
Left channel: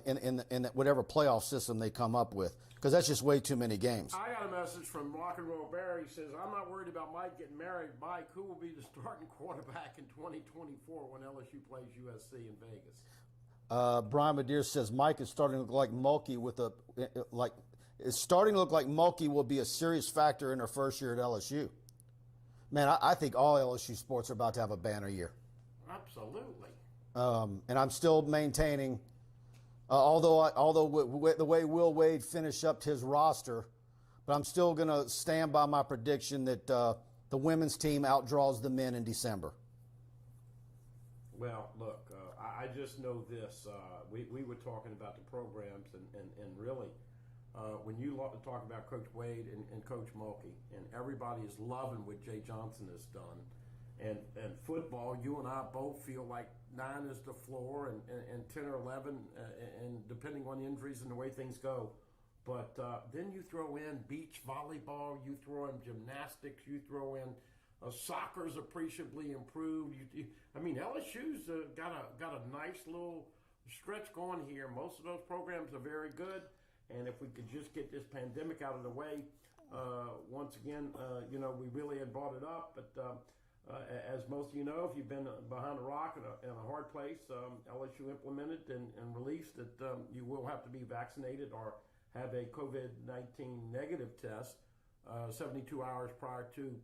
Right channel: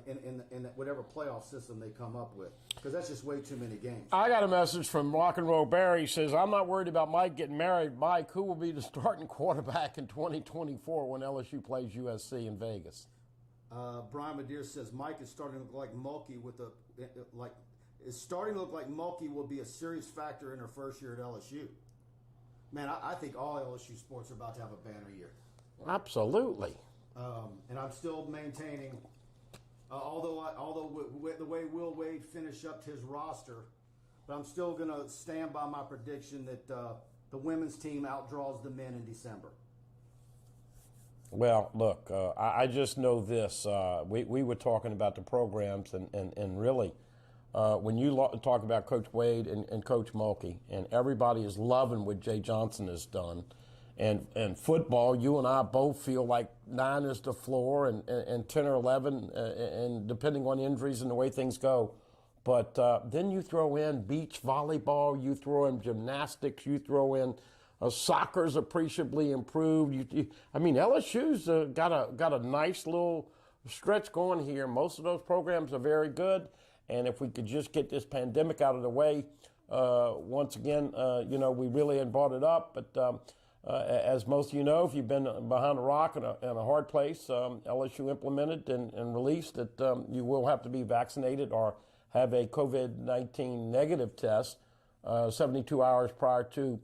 whatever playoff system they come up with, because that's just way too many games. I got a message from Rock and Roll Barry. He says, I'm not worried about Mike getting married. Mike, who will be the starting quarterback in 2024 when LSU plays USC in Vegas? Brian Madeir says Mike is starting to look like Mulkey with it's starting to look like Mulkey will be a serious factor in her first year at LSU. Man, I think all LSU sports are about to have a banner year. Absolutely. And I'm still maintaining, although the way Will Wade finished up his roster, but I'm still going to stand by my prediction that the women's team outdraws the men in December. Well, look, I just know this. We were talking about the programs, and really, when you talk about Coach Wade and Coach Mulkey, and everybody is loving what Jay Johnson has done, and football, you and I both feel like 9 is the floor, and 10 or 11, and depending on injuries and the way things go. But then you throw in beach volleyball, you throw in gymnastics, you throw in soccer's appreciably improved. I mean, LSU's got a nice little stretch going here. Most of those programs are very good, and if we could just get this pandemic out of the way, once again, we really had brought it up. But as most of you know, if you've been behind a rock in a hard place, LSU implemented and released that you will have to be vaccinated or have a COVID-19 negative test 72 hours prior to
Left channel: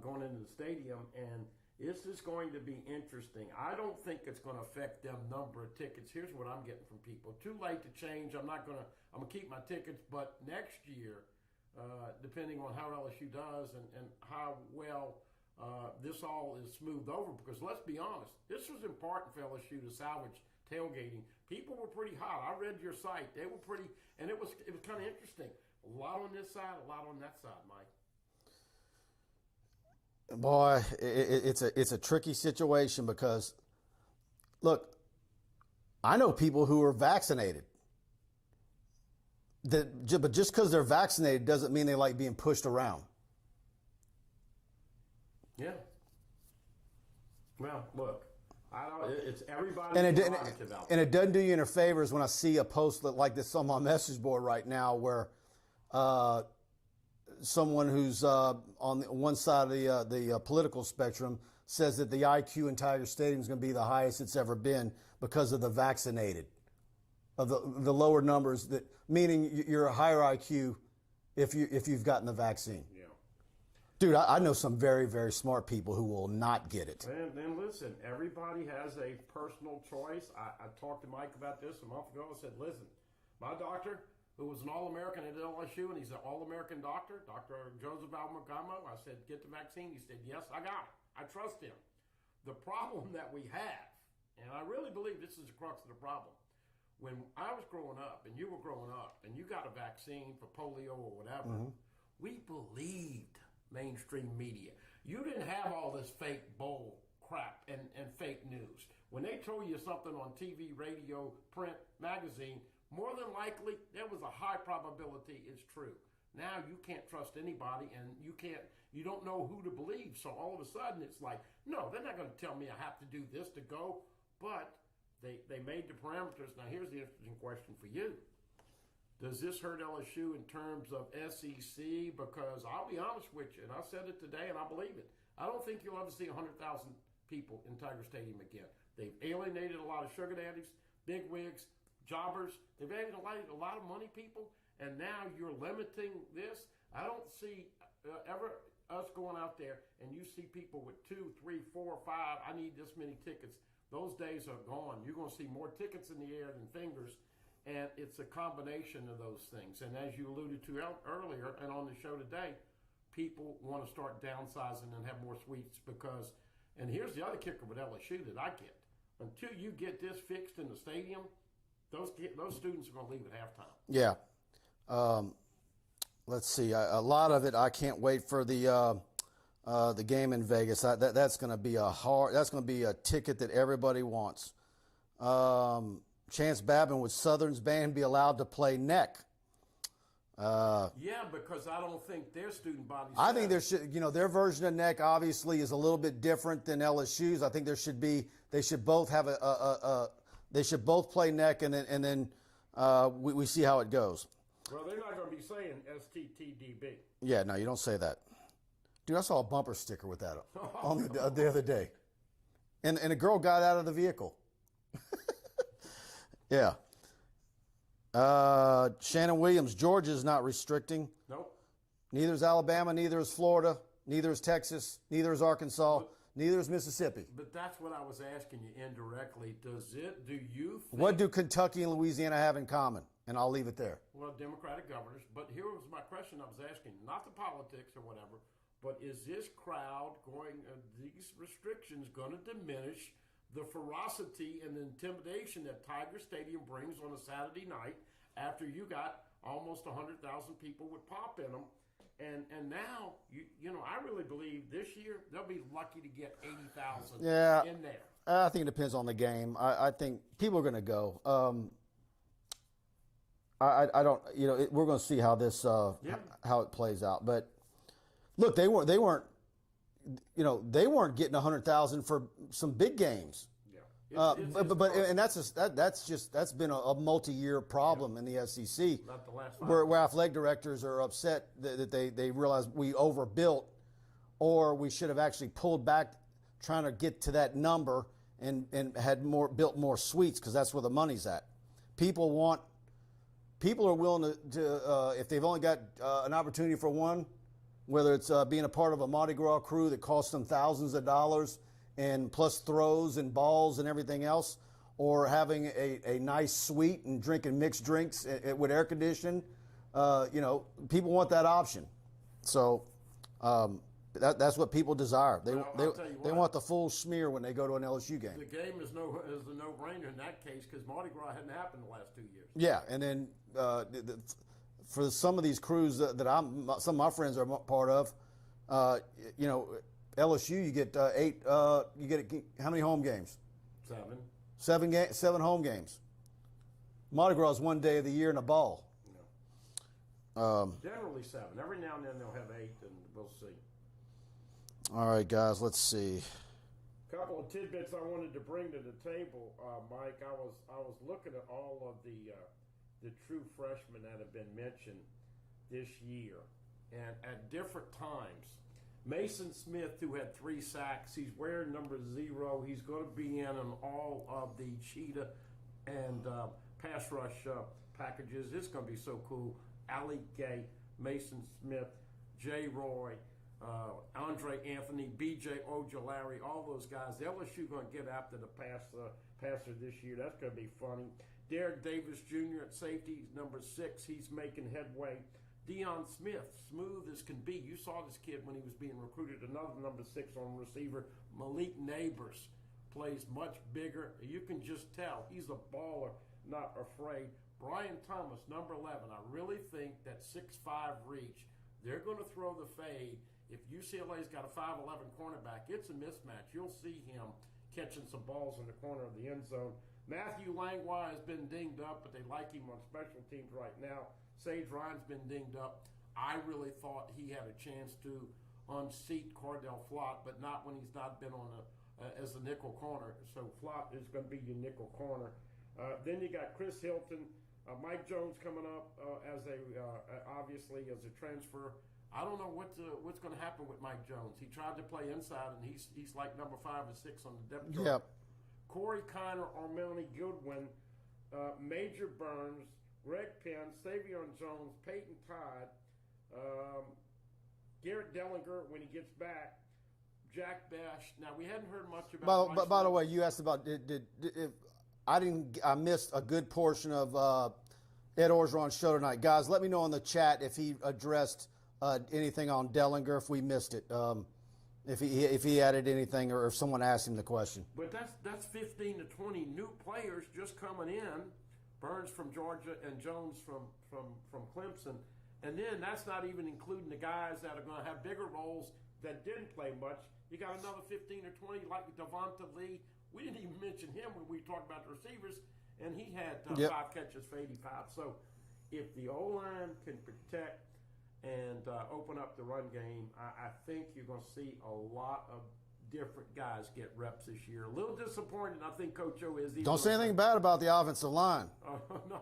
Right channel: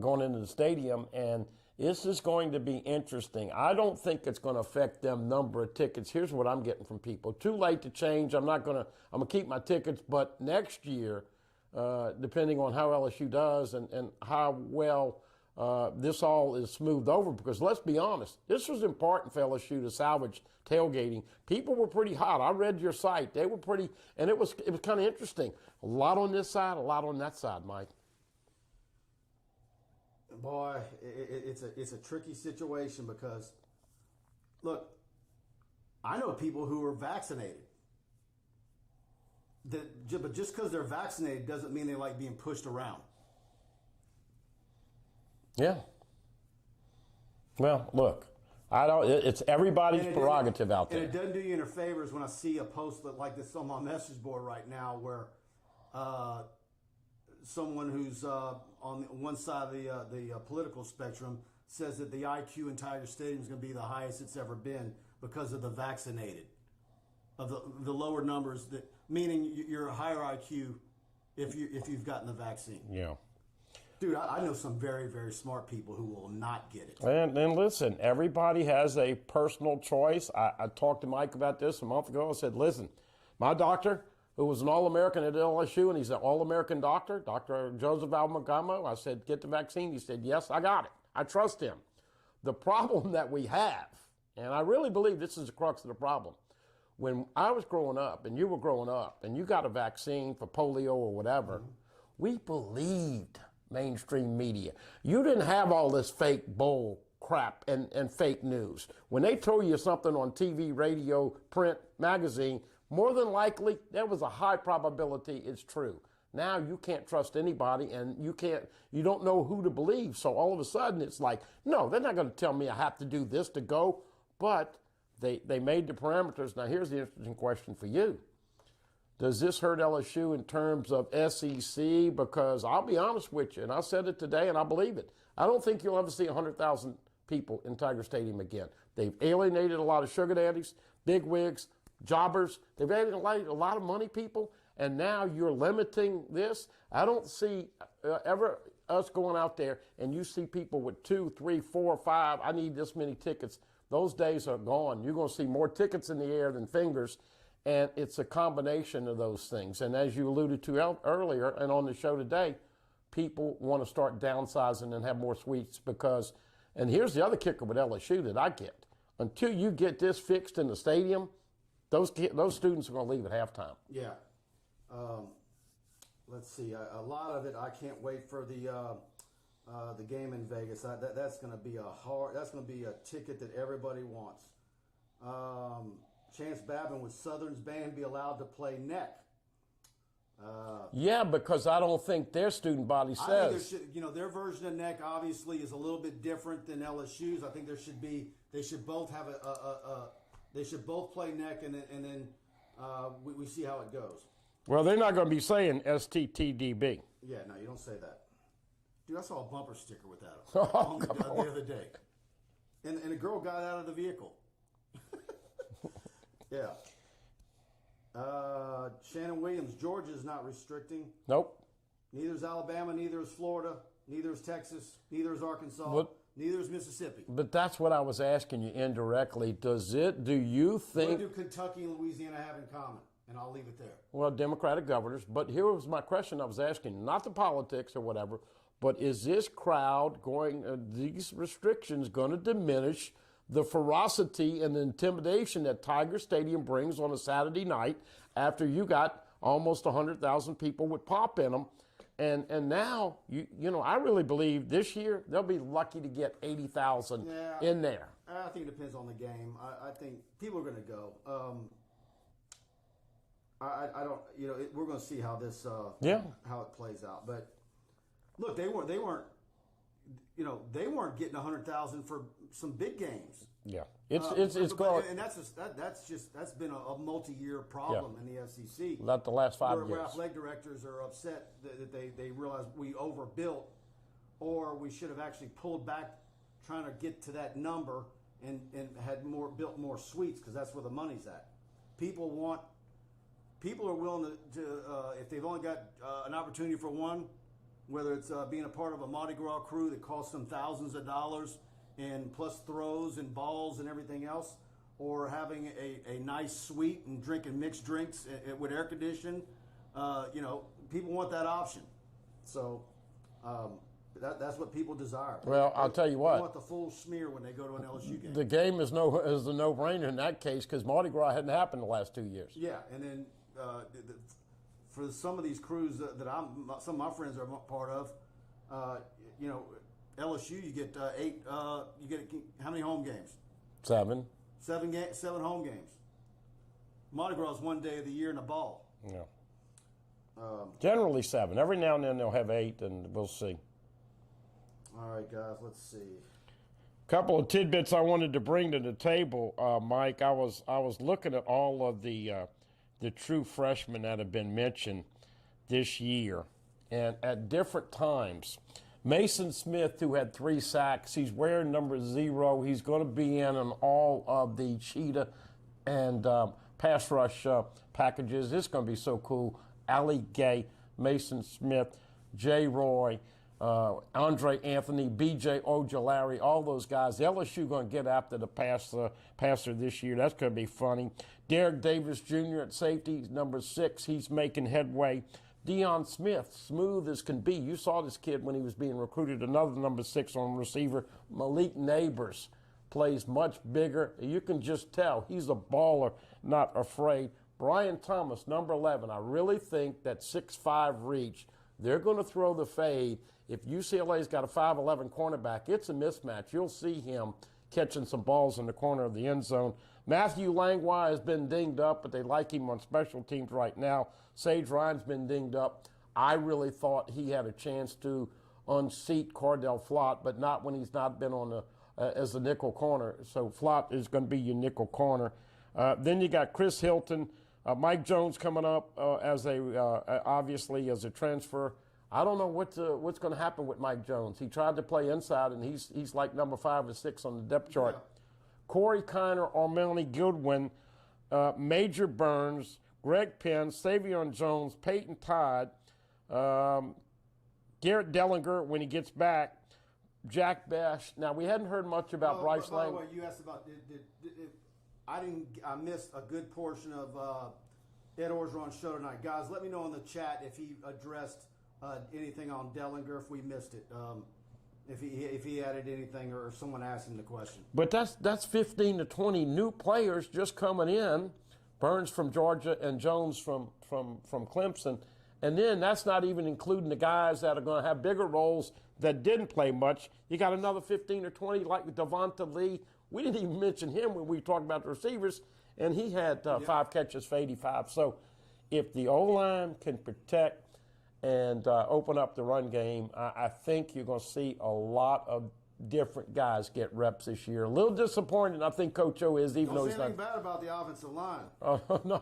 going into the stadium, and this is going to be interesting. I don't think it's going to affect them number of tickets. Here's what I'm getting from people: too late to change. I'm gonna keep my tickets, but next year, depending on how LSU does and how well this all is smoothed over, because let's be honest, this was important for LSU to salvage tailgating. People were pretty hot. I read your site; they were pretty, and it was kind of interesting. A lot on this side, a lot on that side, Mike. Boy, it's a tricky situation because, look, I know people who are vaccinated. But just because they're vaccinated doesn't mean they like being pushed around. Yeah. Well, look, it's everybody's prerogative out there. And it doesn't do you any favors when I see a post like this on my message board right now where someone who's on one side of the political spectrum says that the IQ in Tiger Stadium is going to be the highest it's ever been because of the vaccinated, of the lower numbers, that meaning you're a higher IQ if you've gotten the vaccine. Yeah. Dude, I know some very, very smart people who will not get it. And listen, everybody has a personal choice. I talked to Mike about this a month ago. I said, listen, my doctor, who was an All-American at LSU, and he's an All-American doctor, Dr. Joseph Almagamo. I said, get the vaccine. He said, yes, I got it. I trust him. The problem that we have, and I really believe this is the crux of the problem, when I was growing up and you were growing up and you got a vaccine for polio or whatever, we believed mainstream media. You didn't have all this fake bull crap and fake news. When they told you something on TV, radio, print, magazine, more than likely, there was a high probability it's true. Now you can't trust anybody, and you don't know who to believe. So all of a sudden it's like, no, they're not going to tell me I have to do this to go. But they made the parameters. Now here's the interesting question for you. Does this hurt LSU in terms of SEC? Because I'll be honest with you, and I said it today and I believe it. I don't think you'll ever see 100,000 people in Tiger Stadium again. They've alienated a lot of sugar daddies, bigwigs, jobbers. They've alienated a lot of money people, and now you're limiting this. I don't see ever us going out there and you see people with 2, 3, 4, 5, I need this many tickets. Those days are gone. You're going to see more tickets in the air than fingers, and it's a combination of those things. And as you alluded to earlier and on the show today, people want to start downsizing and have more suites because, and here's the other kicker with LSU that I get, until you get this fixed in the stadium, those students are going to leave at halftime. Yeah. Let's see. A lot of it, I can't wait for the game in Vegas. That's going to be that's going to be a ticket that everybody wants. Chance Babin, would Southern's band be allowed to play neck? Yeah, because I don't think their student body says. I think there should, their version of neck obviously is a little bit different than LSU's. I think they should both have they should both play neck, and then we see how it goes. Well, they're not going to be saying STTDB. Yeah, no, you don't say that. Dude, I saw a bumper sticker with that the other day. And a girl got out of the vehicle. Yeah. Shannon Williams, Georgia is not restricting. Nope. Neither is Alabama, neither is Florida, neither is Texas, neither is Arkansas, neither is Mississippi. But that's what I was asking you indirectly. Do you think... What do Kentucky and Louisiana have in common? And I'll leave it there. Well, Democratic governors. But here was my question I was asking, not the politics or whatever, but is this crowd going, these restrictions going to diminish the ferocity and the intimidation that Tiger Stadium brings on a Saturday night after you got almost 100,000 people with pop in them? And now, you know, I really believe this year they'll be lucky to get 80,000 in there. I think it depends on the game. I think people are going to go. I don't, you know, we're going to see how this, how it plays out. But look, they weren't, you know, they weren't getting 100,000 for some big games. Yeah, and that's been a multi-year problem in the SEC. Not the last 5 years. Where Where athletic directors are upset that they realize we overbuilt, or we should have actually pulled back, trying to get to that number and had built more suites, because that's where the money's at. People are willing to if they've only got an opportunity for one, whether it's being a part of a Mardi Gras crew that costs them thousands of dollars, and plus throws and balls and everything else, or having a nice suite and drinking mixed drinks with air conditioning, you know, people want that option. So that's what people desire. I'll tell you what. They want the full smear when they go to an LSU game. The game is a no-brainer in that case, because Mardi Gras hadn't happened the last 2 years. Yeah, and then for some of these crews that some of my friends are part of, you know, LSU, you get how many home games? 7. 7 home games. Mardi Gras is one day of the year in a ball. Yeah. Generally 7. Every now and then they'll have 8, and we'll see. All right, guys, let's see. Couple of tidbits I wanted to bring to the table, Mike. I was looking at all of the true freshmen that have been mentioned this year, and at different times. Mason Smith, who had 3 sacks, he's wearing number 0. He's going to be in on all of the cheetah and pass rush packages. It's going to be so cool. Ali Gay, Mason Smith, Jay Roy, Andre Anthony, B.J. Ojolari, all those guys. The LSU going to get after the passer this year. That's going to be funny. Derek Davis Jr. at safety, number 6. He's making headway. Deion Smith, smooth as can be. You saw this kid when he was being recruited. Another number 6 on receiver. Malik Neighbors plays much bigger. You can just tell he's a baller, not afraid. Brian Thomas, number 11. I really think that 6'5" reach, they're going to throw the fade. If UCLA's got a 5'11" cornerback, it's a mismatch. You'll see him catching some balls in the corner of the end zone. Matthew Langlois has been dinged up, but they like him on special teams right now. Sage Ryan's been dinged up. I really thought he had a chance to unseat Cordell Flott, but not when he's not been on as a nickel corner. So Flott is going to be your nickel corner. Then you got Chris Hilton, Mike Jones coming up obviously as a transfer. I don't know what's going to happen with Mike Jones. He tried to play inside, and he's like number 5 or 6 on the depth chart. Yep. Corey Kiner, Armani Goodwin, Major Burns, Greg Penn, Savion Jones, Peyton Todd, Garrett Dellinger when he gets back, Jack Bash. Now, we hadn't heard much about Bryce By the way, you asked about I missed a good portion of Ed Orgeron's show tonight. Guys, let me know in the chat if he addressed anything on Dellinger, if we missed it. If he added anything, or if someone asked him the question. But that's 15 to 20 new players just coming in. Burns from Georgia and Jones from Clemson. And then that's not even including the guys that are going to have bigger roles that didn't play much. You got another 15 or 20 like Devonta Lee. We didn't even mention him when we talked about the receivers, and he had 5 catches for 85. So if the O-line can protect and open up the run game, I think you're going to see a lot of different guys get reps this year. A little disappointed, I think Coach O is. Don't say anything bad about the offensive line. No,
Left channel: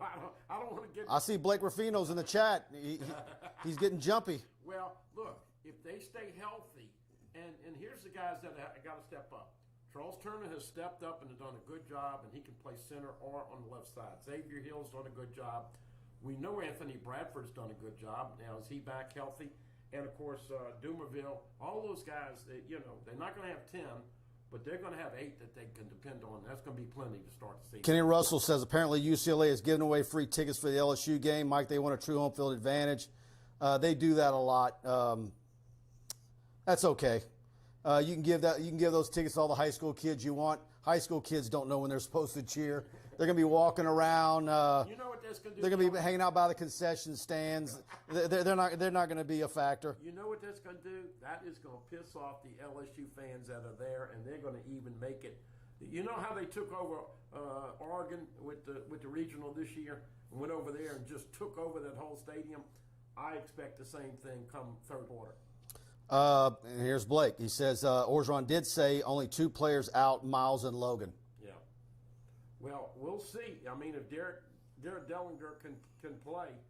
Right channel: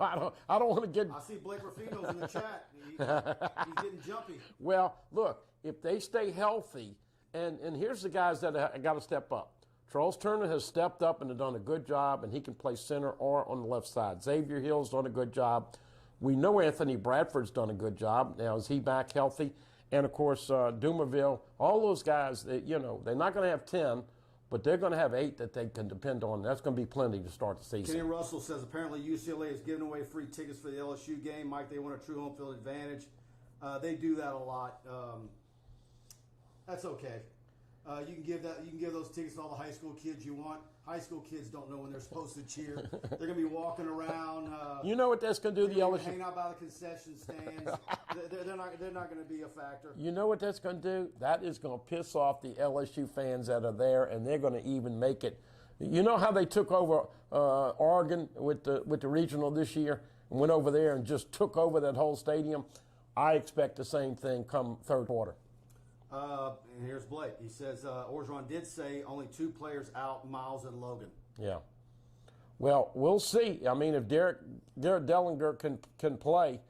I don't want to get. I see Blake Rufino's in the chat. He's getting jumpy. Well, look, if they stay healthy, and here's the guys that got to step up. Charles Turner has stepped up and done a good job, and he can play center or on the left side. Xavier Hill's done a good job. We know Anthony Bradford's done a good job. Now, is he back healthy? And, of course, Dumerville, all those guys, they're not going to have 10, but they're going to have 8 that they can depend on. That's going to be plenty to start the season. Kenny Russell says apparently UCLA is giving away free tickets for the LSU game. Mike, they want a true home field advantage. They do that a lot. That's okay. You can give those tickets to all the high school kids you want. High school kids don't know when they're supposed to cheer. They're going to be walking around. You know what that's going to do? They're going to be hanging out by the concession stands. They're not going to be a factor. You know what that's going to do? That is going to piss off the LSU fans that are there, and they're going to even make it. You know how they took over Oregon with the regional this year and went over there and just took over that whole stadium? I expect the same thing come third quarter. And here's Blake. He says Orgeron did say only 2 players out, Miles and Logan. Yeah. Well, we'll see. I mean, if Garrett Dellinger can play,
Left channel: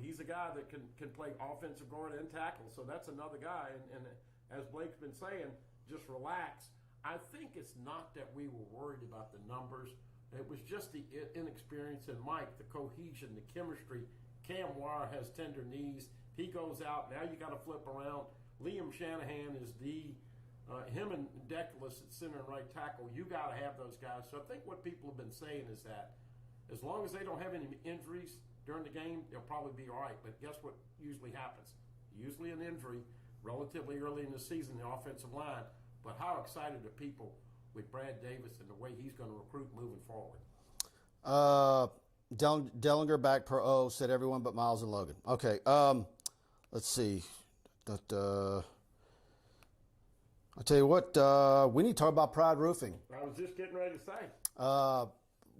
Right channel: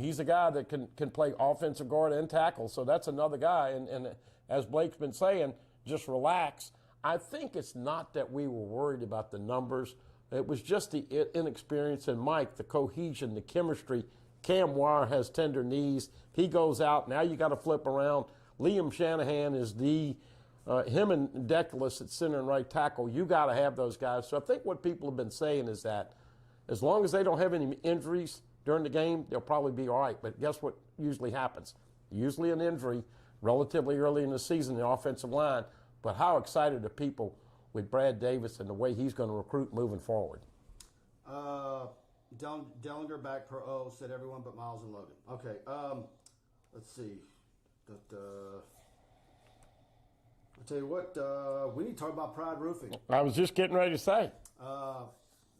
he's a guy that can play offensive guard and tackle. So that's another guy. And as Blake's been saying, just relax. I think it's not that we were worried about the numbers. It was just the inexperience and Mike, the cohesion, the chemistry. Cam Wire has tender knees. He goes out. Now you got to flip around. Liam Shanahan is him and Deculus at center and right tackle. You got to have those guys. So I think what people have been saying is that as long as they don't have any injuries during the game, they'll probably be all right. But guess what usually happens? Usually an injury relatively early in the season, the offensive line. But how excited are people with Brad Davis and the way he's going to recruit moving forward? Dellinger back per O, said everyone but Miles and Logan. Okay, let's see. I'll tell you what, we need to talk about Pride Roofing. I was just getting ready to say.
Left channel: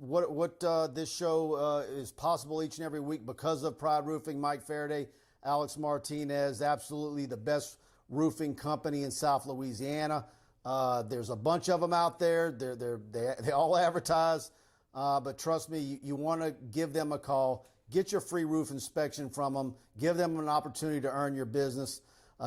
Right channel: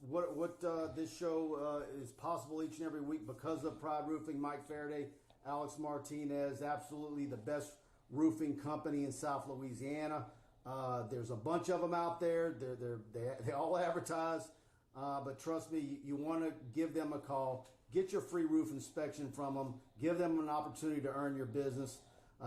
What this show is possible each and every week because of Pride Roofing. Mike Faraday, Alex Martinez, absolutely the best roofing company in South Louisiana. There's a bunch of them out there. They all advertise. But trust me, you want to give them a call. Get your free roof inspection from them. Give them an opportunity to earn your business.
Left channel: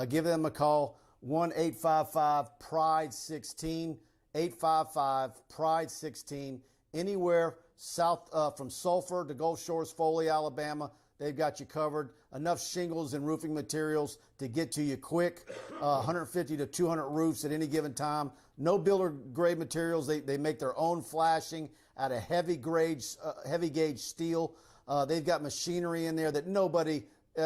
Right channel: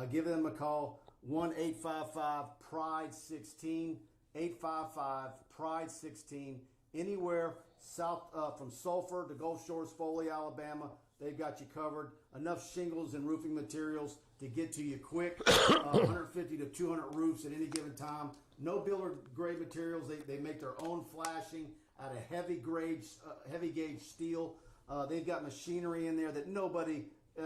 Give them a call, 1-855-PRIDE-16, 855-PRIDE-16. Anywhere south from Sulphur to Gulf Shores, Foley, Alabama, they've got you covered. Enough shingles and roofing materials to get to you quick. 150 to 200 roofs at any given time. No builder grade materials. They make their own flashing out of heavy gauge steel. They've got machinery in there that nobody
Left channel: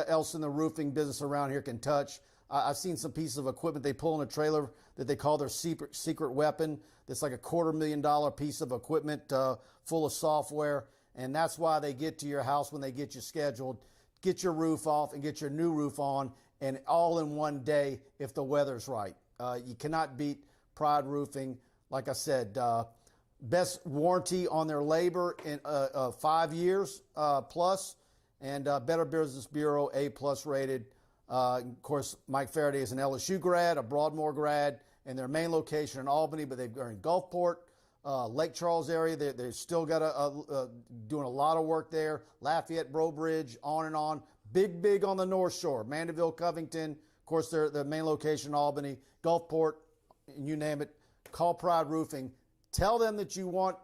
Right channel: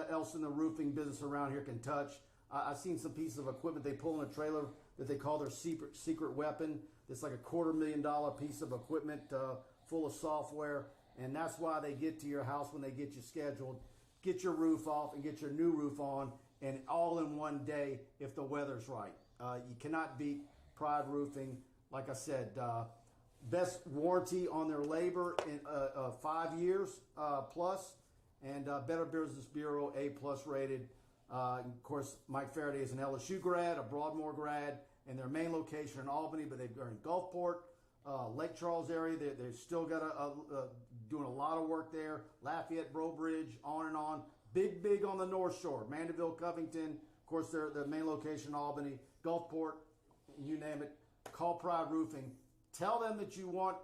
else in the roofing business around here can touch. I've seen some pieces of equipment they pull in a trailer that they call their secret weapon. That's like a $250,000 piece of equipment full of software. And that's why they get to your house when they get you scheduled. Get your roof off and get your new roof on, and all in one day if the weather's right. You cannot beat Pride Roofing. Like I said, best warranty on their labor in 5 years plus, and Better Business Bureau A+ rated. Of course, Mike Faraday is an LSU grad, a Broadmoor grad, and their main location in Albany, but they're in Gulfport, Lake Charles area. They've still got doing a lot of work there. Lafayette, Brobridge, on and on. Big on the North Shore. Mandeville, Covington. Of course, their main location in Albany, Gulfport, you name it. Call Pride Roofing. Tell them that you want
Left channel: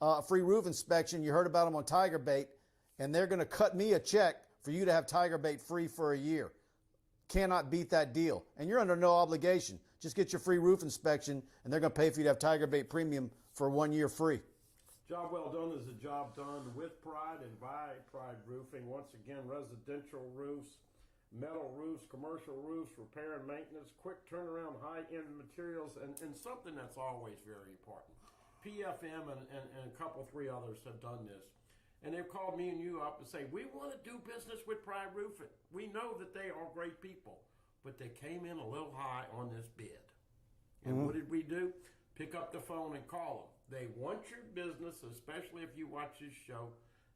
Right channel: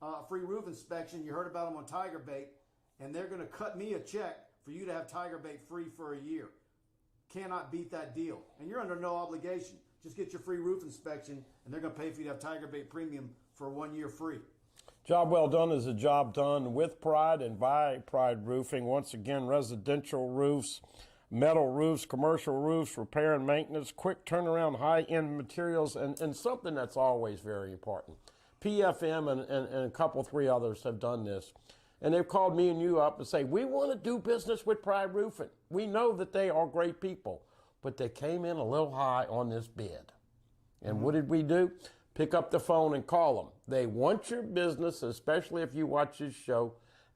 a free roof inspection. You heard about them on TigerBait, and they're going to cut me a check for you to have TigerBait free for a year. Cannot beat that deal. And you're under no obligation. Just get your free roof inspection, and they're going to pay for you to have TigerBait Premium for 1 year free. Job well done is a job done with Pride and by Pride Roofing. Once again, residential roofs, metal roofs, commercial roofs, repair and maintenance, quick turnaround, high-end materials, and something that's always very important. PFM and a couple, 3 others have done this. And they've called me and you up and say, we want to do business with Pride Roofing. We know that they are great people, but they came in a little high on this bid. And what did we do? Pick up the phone and call them. They want your business, especially if you watch this show,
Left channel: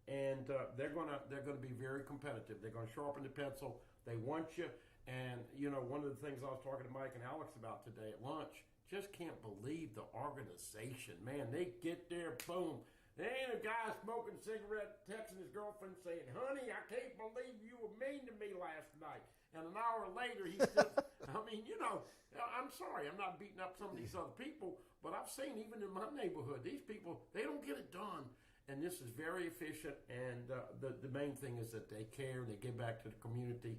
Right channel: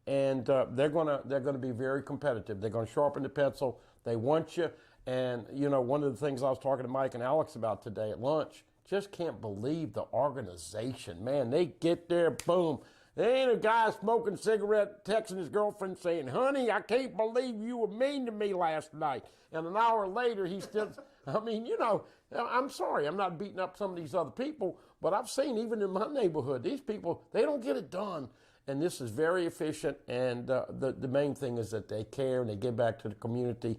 and they're gonna be very competitive. They're gonna sharpen the pencil. They want you. And you know, one of the things I was talking to Mike and Alex about today at lunch, just can't believe the organization. Man, they get there, boom. There ain't a guy smoking a cigarette, texting his girlfriend saying, honey, I can't believe you were mean to me last night. And an hour later, he's still, I mean, you know, I'm sorry, I'm not beating up some of these other people, but I've seen even in my neighborhood, these people, they don't get it done. And this is very efficient, and the main thing is that they care and they give back to the community.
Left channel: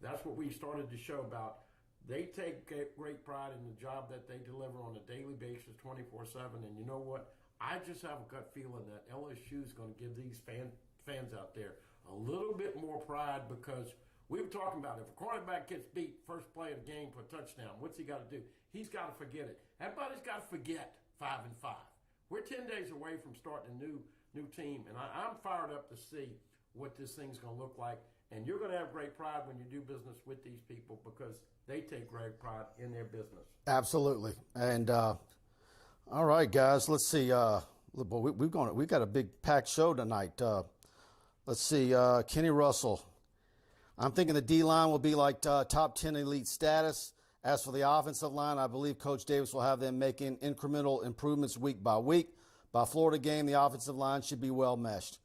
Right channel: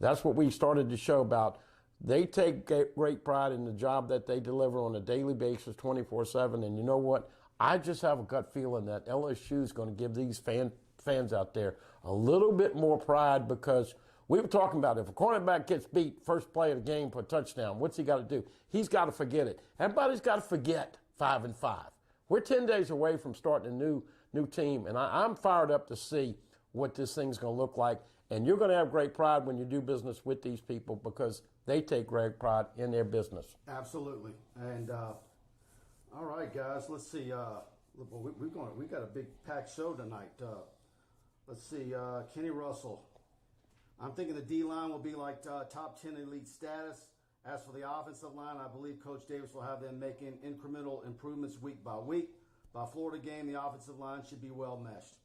That's what we started the show about. They take great pride in the job that they deliver on a daily basis, 24/7. And you know what? I just have a gut feeling that LSU is going to give these fans out there a little bit more pride, because we were talking about if a cornerback gets beat first play of the game for a touchdown, what's he got to do? He's got to forget it. Everybody's got to forget 5-5. We're 10 days away from starting a new team, and I'm fired up to see what this thing's going to look like. And you're going to have great pride when you do business with these people, because they take great pride in their business. Absolutely. And all right, guys, let's see. We've got a big packed show tonight. Let's see. Kenny Russell. I'm thinking the D-line will be like top 10 elite status. As for the offensive line, I believe Coach Davis will have them making incremental improvements week by week. By Florida game, the offensive line should be well meshed.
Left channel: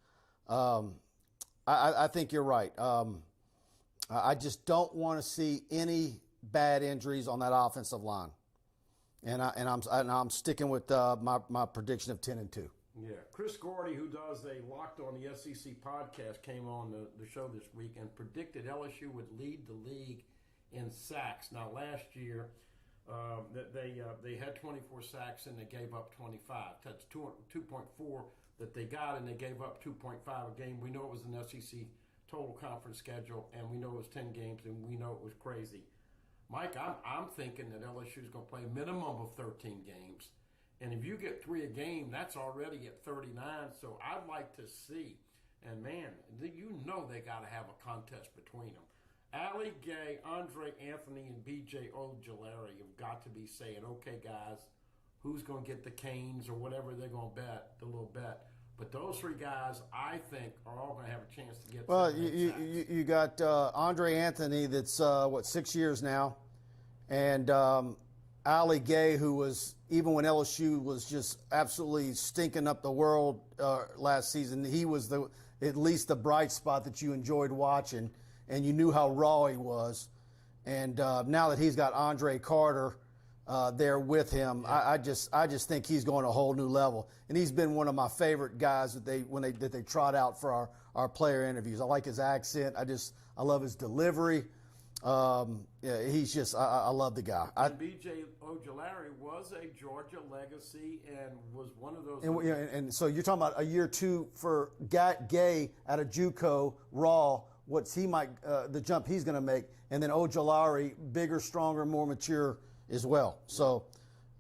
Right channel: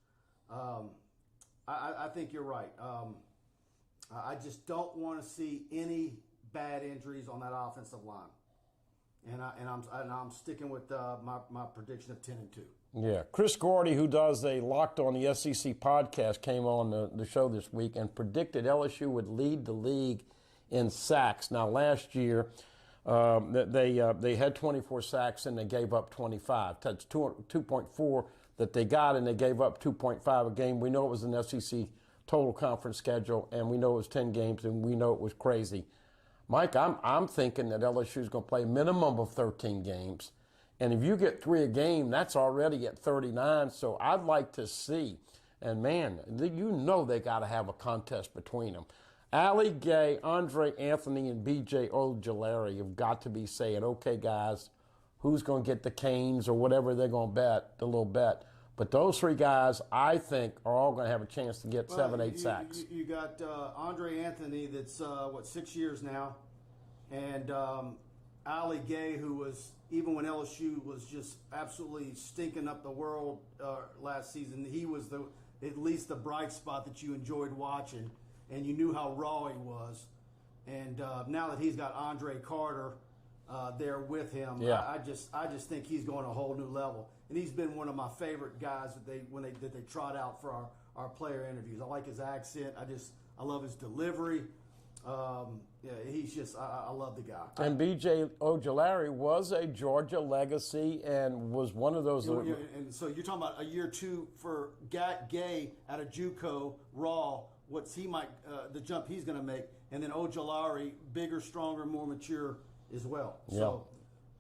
I think you're right. I just don't want to see any bad injuries on that offensive line, and I'm sticking with my prediction of 10-2. Yeah, Chris Gordy, who does a Locked on the SEC podcast, came on the show this week and predicted LSU would lead the league in sacks. Now, last year they had 24 sacks and they gave up 25. That's 2.4 that they got, and they gave up 2.5 a game. We know it was an SEC total conference schedule, and we know it was 10 games, and we know it was crazy. Mike, I'm thinking that LSU is going to play a minimum of 13 games. And if you get 3 a game, that's already at 39. So I'd like to see, and man, you know they got to have a contest between them. Ali Gay, Andre Anthony, and B.J. Ojulari have got to be saying, okay, guys, who's going to get the canes or whatever they're going to bet, the little bet. But those 3 guys, I think, are all going to have a chance to get 7-8 sacks. You got Andre Anthony that's, 6 years now, and Ali Gay, who was, even when LSU was just absolutely stinking up the world last season, he was at least the bright spot that you enjoyed watching, and you knew how raw he was. And now that he's got Andre Carter there with him, yeah. I just think he's going a whole new level. And he's been one of my favorite guys that they trot out for our player interviews. I like his accent. I love his delivery. Yeah, he's just, I love the guy. And B.J. Ojulari was a Georgia legacy and was one of those. And so you're talking about a year 2 for Gay out of JUCO, raw, the jump he's going to make. And then Ojulari, bigger, stronger, more mature as well. Yeah. So,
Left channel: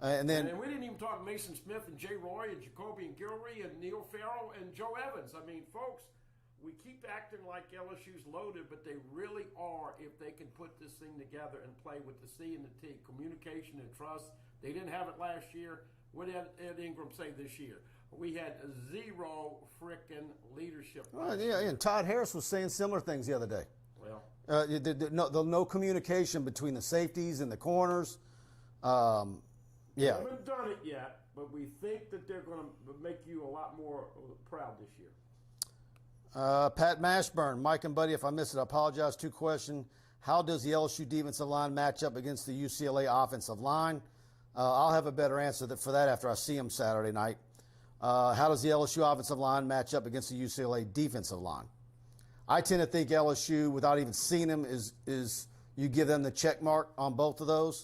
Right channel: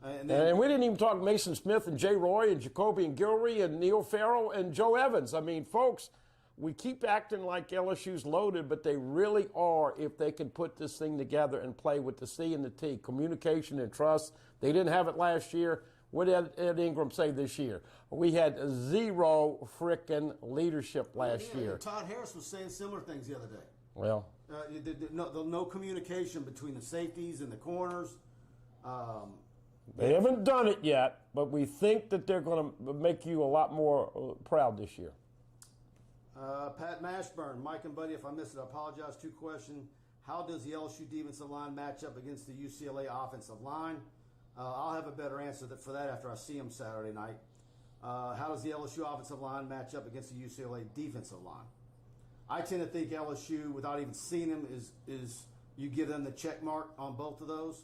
and we didn't even talk Mason Smith and Jay Roy and Jacoby and Gilry and Neil Farrell and Joe Evans. I mean, folks, we keep acting like LSU's loaded, but they really are if they can put this thing together and play with the C and the T, communication and trust. They didn't have it last year. What did Ed Ingram say this year? We had 0 frickin' leadership last year. Yeah, Todd Harris was saying similar things the other day. Well, no communication between the safeties and the corners. They haven't done it yet, but we think that they're going to make you a lot more proud this year. Pat Mashburn, Mike and Buddy, if I missed it, I apologize. 2 questions. How does the LSU defensive line match up against the UCLA offensive line? I'll have a better answer for that after I see them Saturday night. How does the LSU offensive line match up against the UCLA defensive line? I tend to think LSU, without even seeing them, is you give them the check mark on both of those.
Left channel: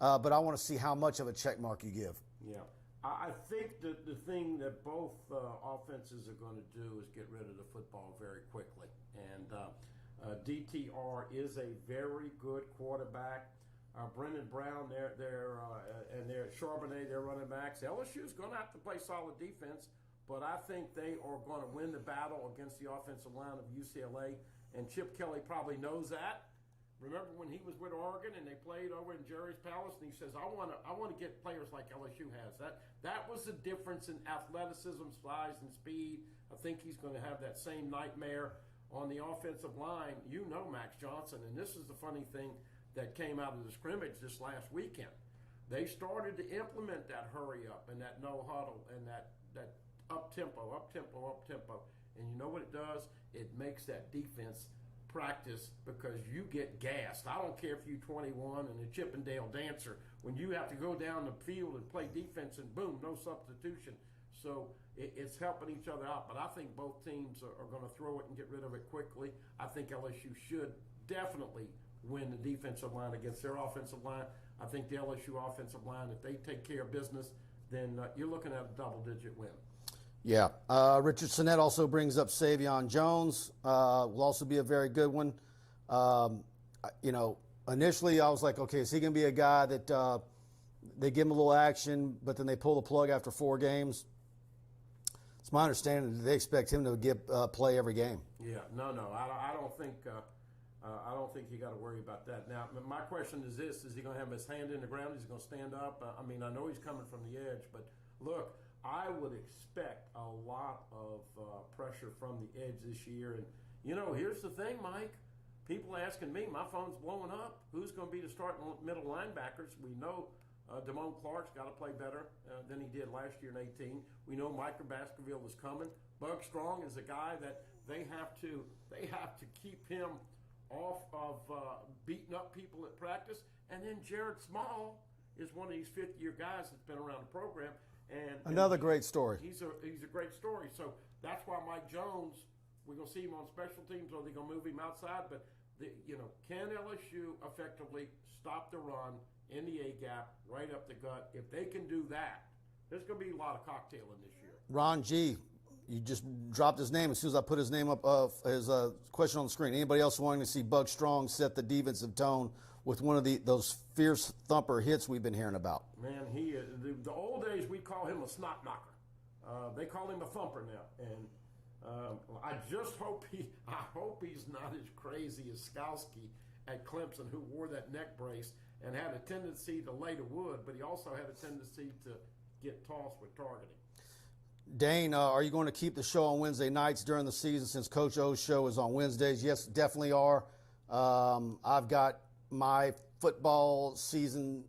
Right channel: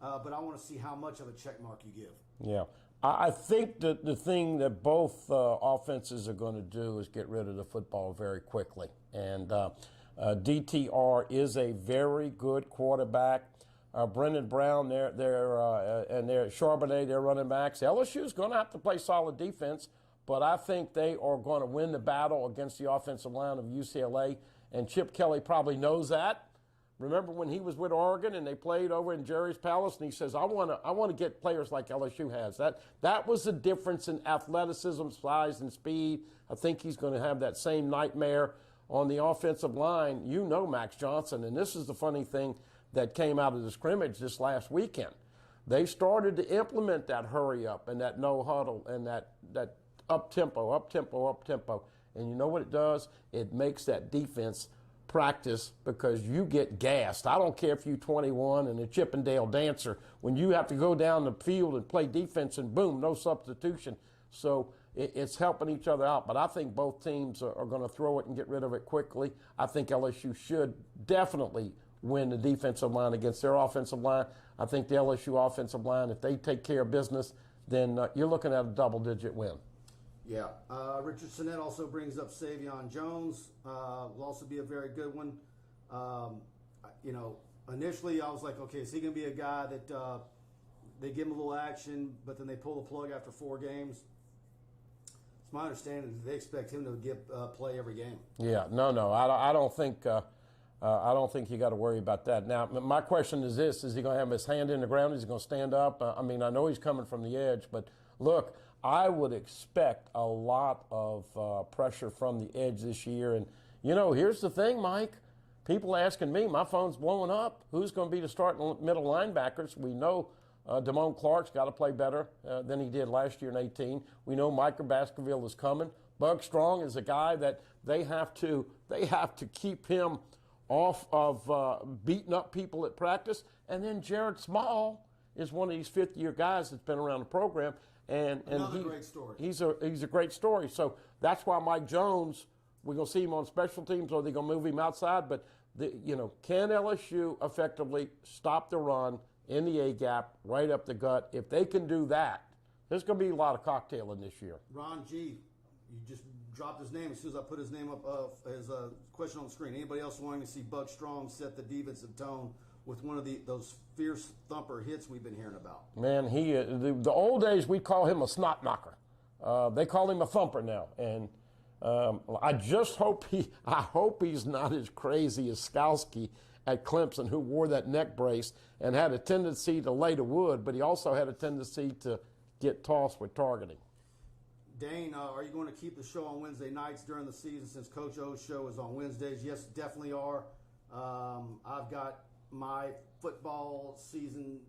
But I want to see how much of a check mark you give. Yeah. I think that the thing that both offenses are going to do is get rid of the football very quickly. And DTR is a very good quarterback. Brendan Brown, and Charbonnet, they're running backs. LSU is going to have to play solid defense, but I think they are going to win the battle against the offensive line of UCLA. And Chip Kelly probably knows that. Remember when he was with Oregon and they played over in Jerry's Palace, and he says, I want to get players like LSU has. That was the difference in athleticism, size, and speed. I think he's going to have that same nightmare on the offensive line. You know Max Johnson, and this is the funny thing that came out of the scrimmage this last weekend. They started to implement that hurry up and that no huddle and that up tempo, up tempo, up tempo. And you know what it does? It makes that defense practice because you get gassed. I don't care if you're 21 and a Chippendale dancer. When you have to go down the field and play defense and boom, no substitution. So it's helping each other out. But I think both teams are going to throw it and get rid of it quickly. I think LSU should definitely win the defensive line against their offensive line. I think the LSU offensive line, if they take care of business, then you're looking at a double-digit win. Yeah. Richard Sinnett also brings up Savion Jones. Will also be a very good one. Initially I was like, okay, is he going to be a guy that they give him a little action, but then they pull the plug after 4 games? It's my understanding that they expect him to get play every game. Yeah. No. I don't think you got to worry about that. Now, my question is this: is he going to have his hand in the ground? Is he going to stand up? I know he's coming from the edge, but look, I would expect a lot of pressure from the edge this year. And, here's the thing, Mike. People asking me, my phone's blowing up. Who's going to be the starting middle linebackers? We know Damone Clark's got to play better than he did last year in 18. We know Micah Baskerville is coming. Bug Strong is a guy that they have to keep him off of beating up people at practice. And then Jared Small is one of these fifth-year guys that's been around the program. And another great story. He's a great story. So that's why Mike Jones, we're going to see him on special teams, or they're going to move him outside. But, can LSU effectively stop the run in the A-gap, right up the gut? If they can do that, there's going to be a lot of cocktailing this year. Ron G., you just dropped his name. As soon as I put his name up, his question on the screen. Anybody else wanting to see Bug Strong set the defensive tone with one of those fierce thumper hits we've been hearing about? Man, the old days, we'd call him a snot knocker. They call him a thumper now. And I hope he's not as crazy as Skalski at Clemson, who wore that neck brace and had a tendency to lay to wood, but he also had a tendency to get tossed with targeting. Dane, are you going to keep the show on Wednesday nights during the season since Coach O's show is on Wednesdays? Yes, definitely are. I've got my football season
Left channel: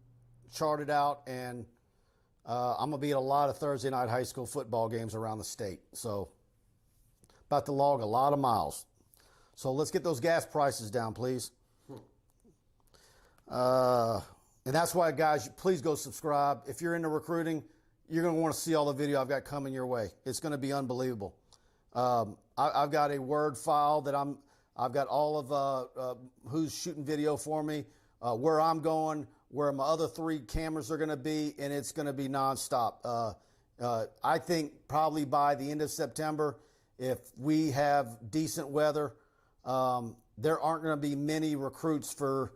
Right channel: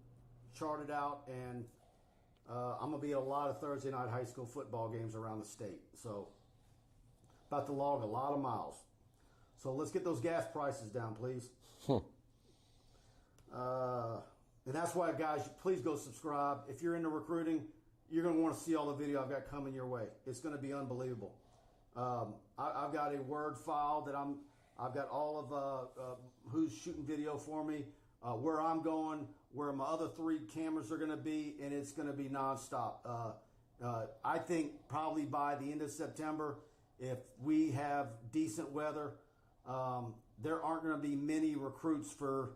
charted out, and I'm going to be at a lot of Thursday night high school football games around the state. So about to log a lot of miles. So let's get those gas prices down, please. And that's why, guys, please go subscribe. If you're into recruiting, you're going to want to see all the video I've got coming your way. It's going to be unbelievable. I've got a Word file that I've got all of who's shooting video for me, where I'm going, where my other 3 cameras are going to be, and it's going to be nonstop. I think probably by the end of September, if we have decent weather, there aren't going to be many recruits for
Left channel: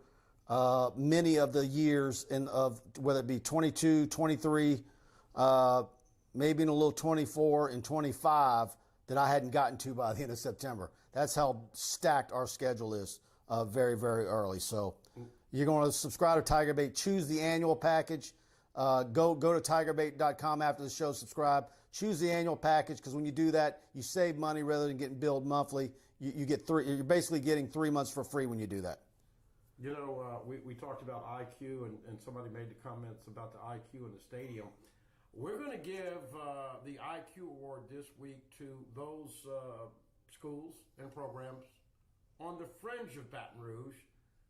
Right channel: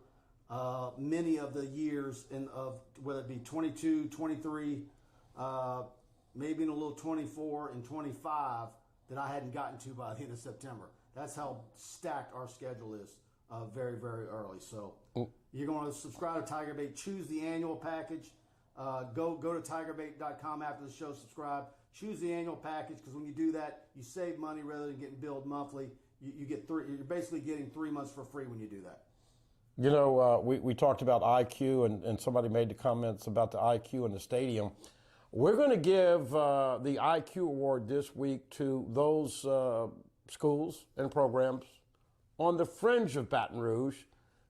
many of the years of whether it be 22, 23, maybe in a little 24 and 25 that I hadn't gotten to by the end of September. That's how stacked our schedule is very, very early. So you're going to subscribe to TigerBait. Choose the annual package. Go to TigerBait.com after the show. Subscribe. Choose the annual package because when you do that, you save money rather than getting billed monthly. You get 3. You're basically getting 3 months for free when you do that. We talked about IQ, and somebody made the comments about the IQ in the stadium. We're going to give the IQ award this week to those schools and programs on the fringe of Baton Rouge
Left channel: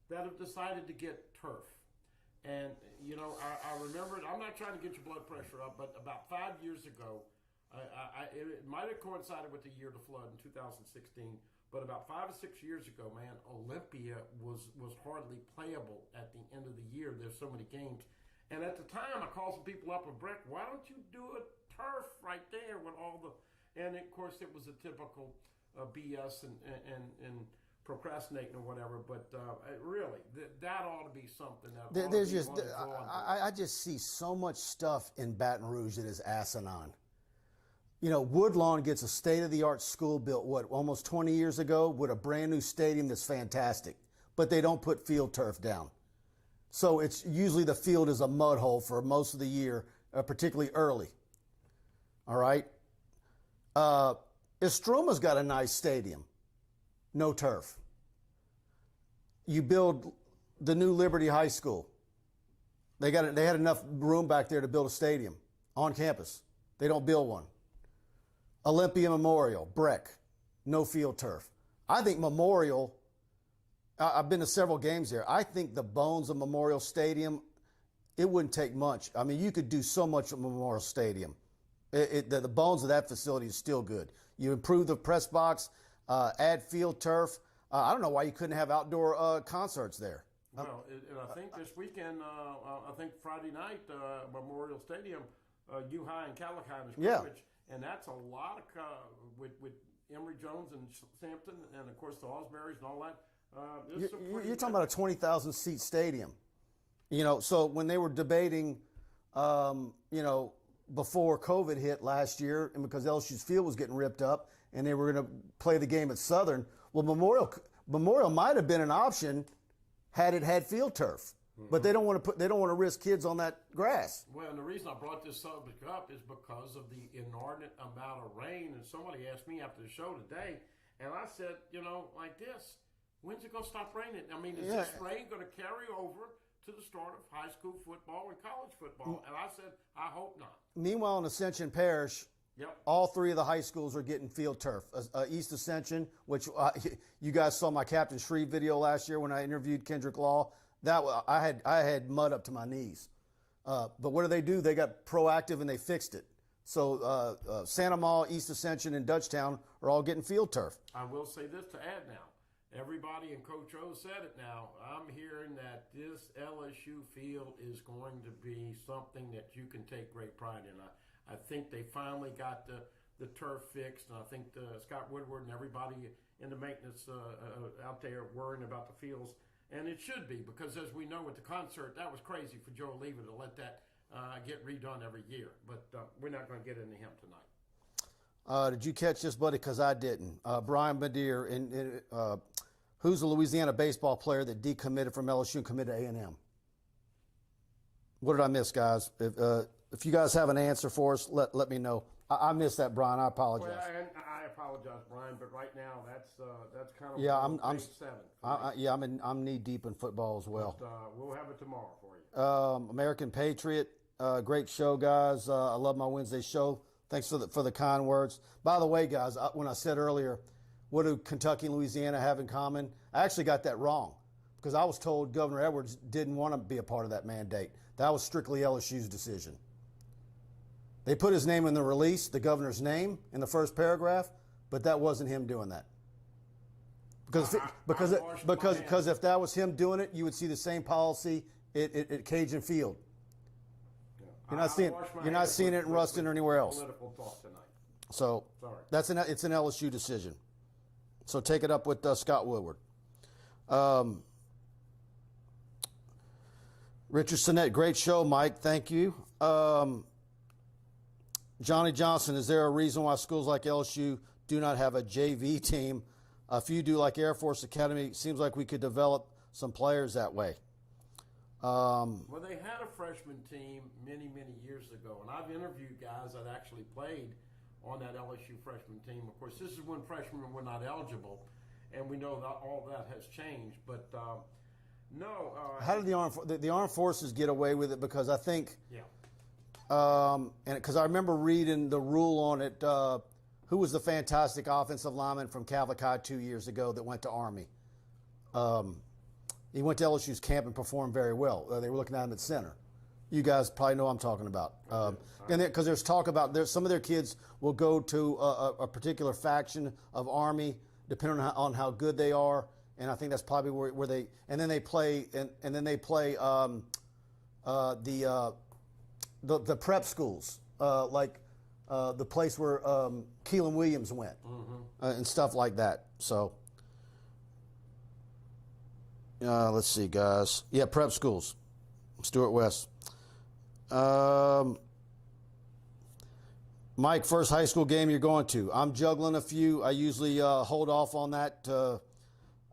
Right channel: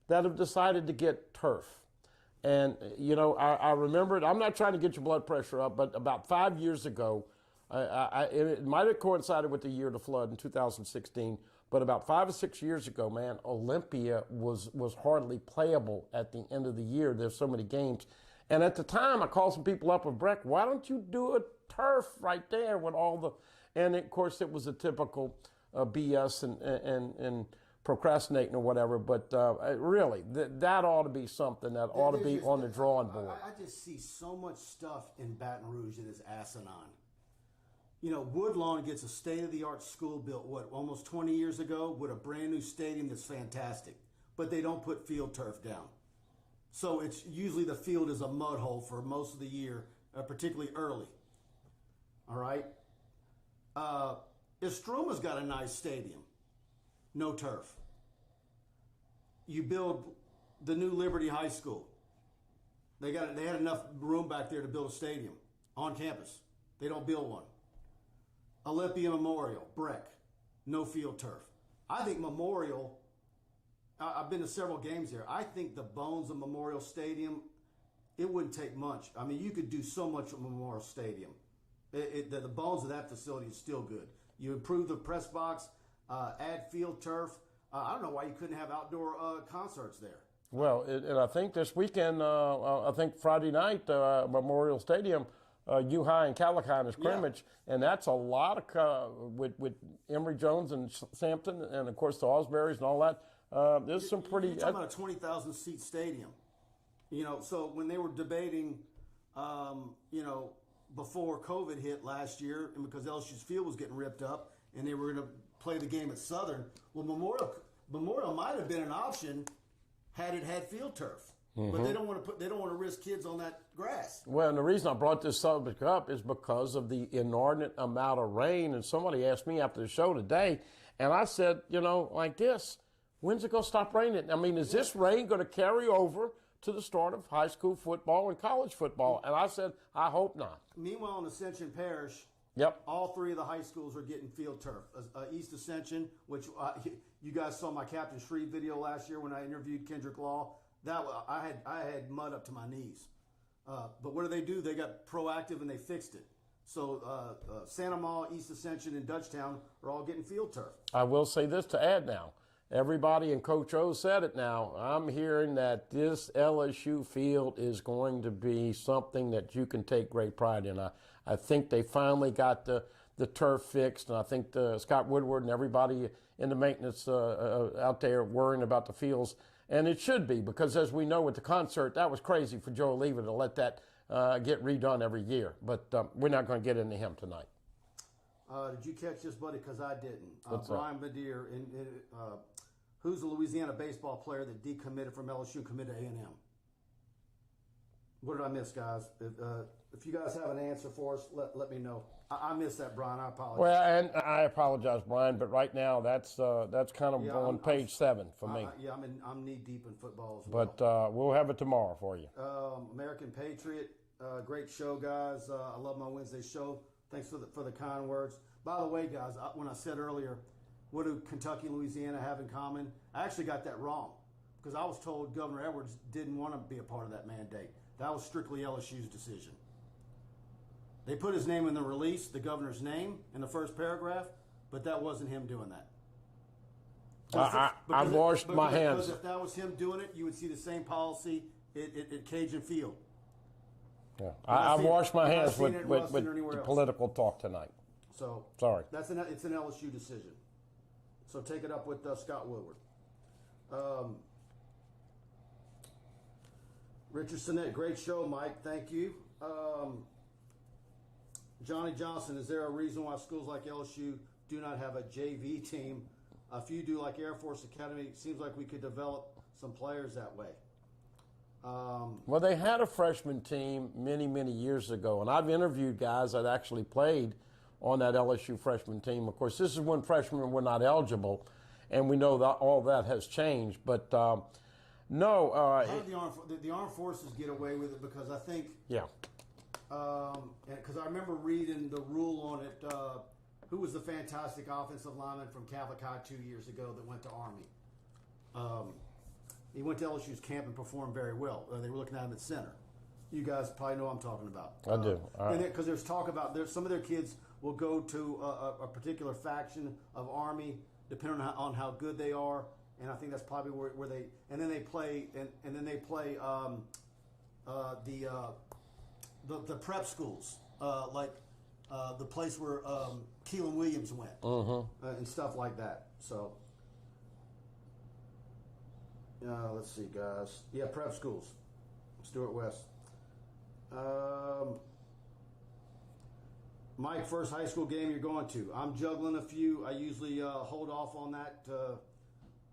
that have decided to get turf. And, I remember it. I'm not trying to get your blood pressure up, but about 5 years ago, it might have coincided with the year of the flood in 2016, but about 5 or 6 years ago, man, Olympia was hardly playable at the end of the year. There's so many games. And at the time, I called some people up with Breck, why don't you do a turf right there with all the, and of course it was a typical BS and procrastinating or whatever, but really, that ought to be something that ought to be on the drawing board. I just see so much stuff in Baton Rouge that is asinine. Woodlawn gets a state-of-the-art school built, almost 20 years ago with a brand new stadium that's fantastic, but they don't put field turf down. So it's usually the field is a mud hole for most of the year, particularly early. All right? Estroma's got a nice stadium. No turf. You build the new Liberty High School. They had enough room back there to build a stadium on campus. They don't build one. Olympia Memorial, Breck, no field turf. I think Memorial, I've been to several games there. I think the bones of Memorial Stadium, it wouldn't take much. I mean, you could do so much at Memorial Stadium. The bones of that facility is still good. You improve the press box, add field turf. I don't know why you couldn't have outdoor concerts there. Well, and I think this weekend, I think Friday night, Memorial Stadium, U-High and Calicine is scrimmage, and that's a lot of with Emory Jones and Sampson, and of course the Osberries and all that. There's some pretty. You're talking about a 20,000 seat stadium. So when they were debating, before COVID hit last year, and because LSU's field was getting ripped up, and they were going to play the game at Southern, well, Memorial might have been an option had it had field turf. But they don't want to risk kids on that grass. Well, and the reason I brought this subject up is because of the inordinate amount of rain. And somebody asked me after the show today, and I said, like this, when's it going to stop raining? I mean, is this rain going to carry over to the start of high school football and college football? And I said, I hope not. Meanwhile, in Ascension Parish, all three of the high schools are getting field turf. East Ascension, which you guys saw my Captain Shreve video last year when I interviewed Kendrick Law. I had mud up to my knees. But what do? They got proactive and they fixed it. So Santa Ma, East Ascension, and Dutchtown are all getting field turf. I will say this to add now. Everybody and Coach O said it now. I'm hearing that this LSU field is going to be something that you can take great pride in. I think they finally got the turf fixed, and I think Scott Woodward and everybody in the maintenance out there worrying about the fields. And it should be, because as we know with the concert, that was crazy for Joe Lever to let that get redone every year. But we're not going to get into him tonight. Did you catch this, buddy? Because I didn't. Brian Badir, who's a Louisiana baseball player that decommitted from LSU and committed to A&M? What did I miss, guys? If you guys have an answer for us, let me know. I missed that, Brian. I apologize. Well, and I apologize, Brian, but right now that's kind of on page 7 for me. I'm knee deep in football as well. But we'll have it tomorrow for you. American Patriot, great show, guys. I love my Wednesday show. Thanks for the kind words. By the way, guys, when I said earlier, what do Kentucky and Louisiana have in common? I actually got that wrong, because I was told Governor Edwards didn't want to be a part of that mandate. That was strictly LSU's decision. They put his name in the release, the governor's name, in the first paragraph, but that wasn't him doing that. Because if that was him doing it, you would see the same policy at Cajun Field. Yeah. I washed my hands. I've seen it in Ruston or anywhere else. Political talk tonight. So sorry. It's an LSU decision. So take it up with Scott Woodward. Richard Sinnett, great show, Mike. Thank you. Johnny Johnson, is there a reason why schools like LSU do not have a JV team? A few do, like Air Force Academy. It seems like we could develop some players that way. Well, they had a freshman team many, many years ago, and I've interviewed guys that actually played on that LSU freshman team. Of course, this is when freshmen were not eligible, and we know that all that has changed. But no. How did the armed forces get away with it? Because I think and because I remember reading the rule on it. Who was the fantastic offensive lineman from Cavalcade 2 years ago that went to Army? He went to LSU's camp and performed very well. They were looking at him at center. You guys probably know what I'm talking about. I do. And because there's talk about some of their kids will go to a particular faction of Army, depending on how good they are. And I think that's probably where they and then they play the prep schools like the place where Keelan Williams went and stuff like that. So let's see, guys. Yeah, prep schools. Stuart West. Mike, first high school game you're going to? I'm juggling a few. I usually hold off on that.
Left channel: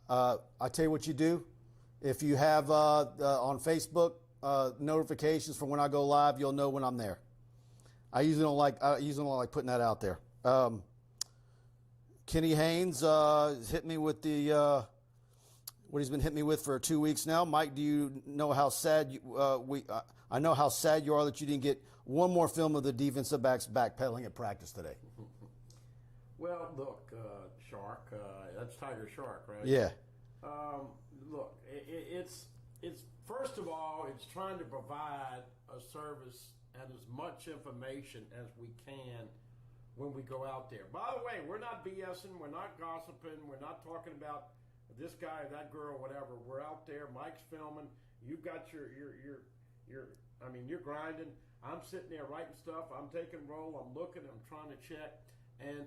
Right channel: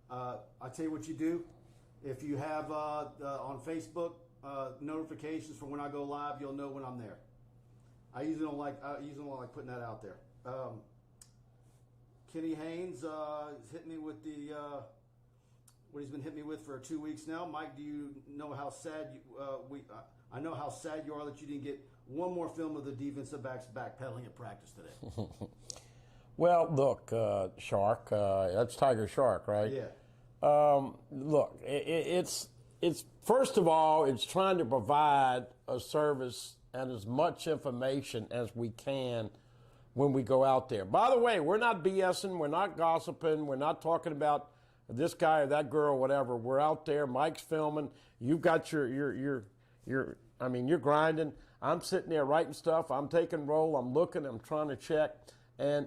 I tell you what you do. If you have on Facebook notifications for when I go live, you'll know when I'm there. I usually don't like putting that out there. Kenny Haynes hit me with what he's been hitting me with for 2 weeks now. Mike, do you know how sad I know how sad you are that you didn't get one more film of the defensive backs backpedaling at practice today. Well, look, Shark, that's Tiger Shark, right? Yeah. Look, it's first of all, it's trying to provide a service and as much information as we can when we go out there. By the way, we're not BSing, we're not gossiping, we're not talking about this guy or that girl, whatever. We're out there. Mike's filming. You've got you're grinding. I'm sitting there writing stuff. I'm taking roll. I'm looking. I'm trying to check, and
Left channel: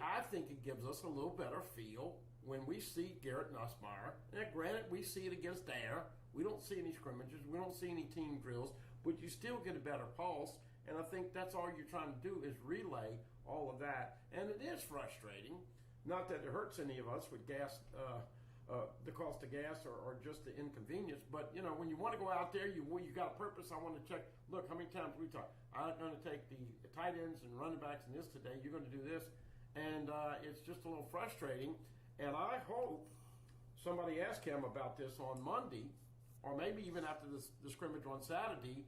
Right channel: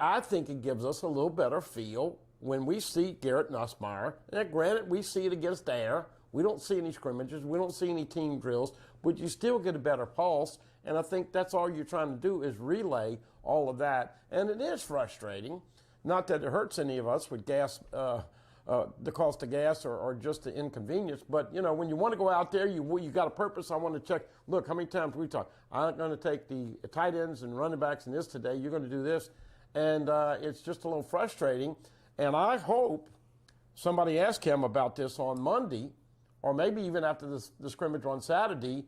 I think it gives us a little better feel when we see Garrett Nussmeier. Now, granted, we see it against Air. We don't see any scrimmages. We don't see any team drills, but you still get a better pulse. And I think that's all you're trying to do is relay all of that. And it is frustrating. Not that it hurts any of us with gas, the cost of gas or just the inconvenience. But, you know, when you want to go out there, you got a purpose. I want to check. Look, how many times we talk. I'm going to take the tight ends and running backs in this today. You're going to do this. And it's just a little frustrating. And I hope somebody asks him about this on Monday or maybe even after the scrimmage on Saturday.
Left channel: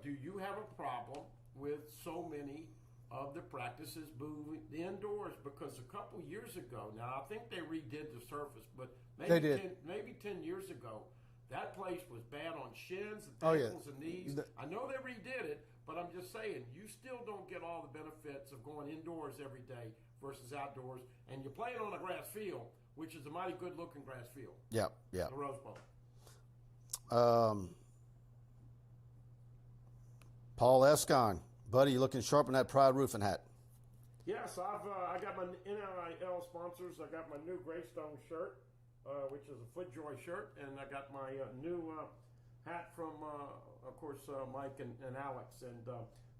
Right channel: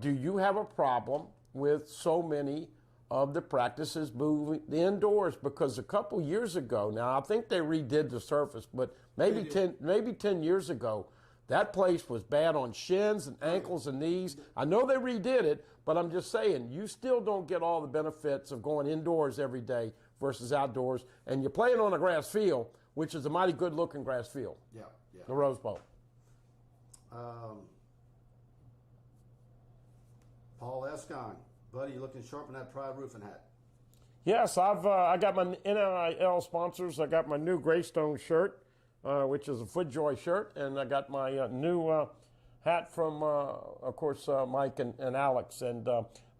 Do you have a problem with so many of the practices moving indoors? Because a couple years ago, now I think they redid the surface, but maybe 10 years ago, that place was bad on shins and ankles and knees. I know they redid it, but I'm just saying, you still don't get all the benefits of going indoors every day versus outdoors, and you're playing on a grass field, which is a mighty good-looking grass field. Yeah. The Rose Bowl. Paul Escon, buddy, you looking sharp in that Pride roofing hat. Yes, I got my NIL sponsors. I got my new Greystone shirt, which is a FootJoy shirt, and I got my new hat from, of course, Mike and Alex, and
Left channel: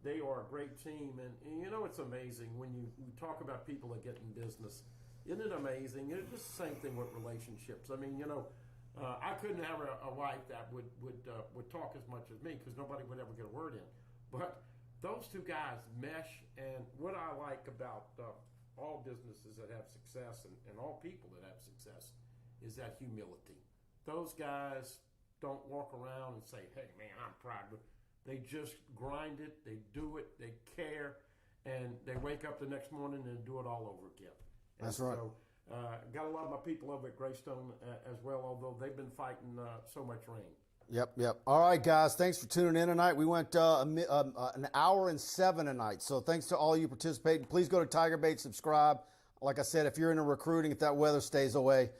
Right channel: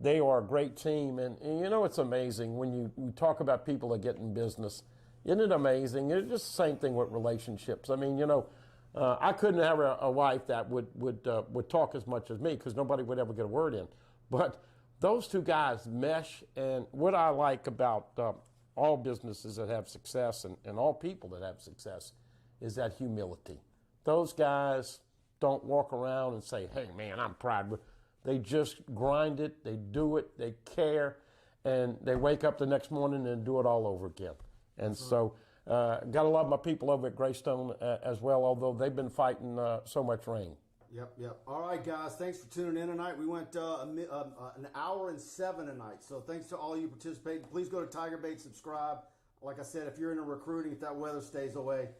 they are a great team. And you know, it's amazing when you talk about people that get in business. Isn't it amazing? It's just the same thing with relationships. I mean, you know, I couldn't have a wife that would talk as much as me because nobody would ever get a word in. But those two guys mesh, and what I like about all businesses that have success and all people that have success is that humility. Those guys don't walk around and say, hey, man, I'm proud. They just grind it, they do it, they care, and they wake up the next morning and do it all over again. And That's right. So got to love my people over at Greystone as well, although they've been fighting so much rain. Yep. All right, guys, thanks for tuning in tonight. We went an hour and 7 tonight, so thanks to all you participating. Please go to TigerBait, subscribe. Like I said, if you're into recruiting, if that weather stays away,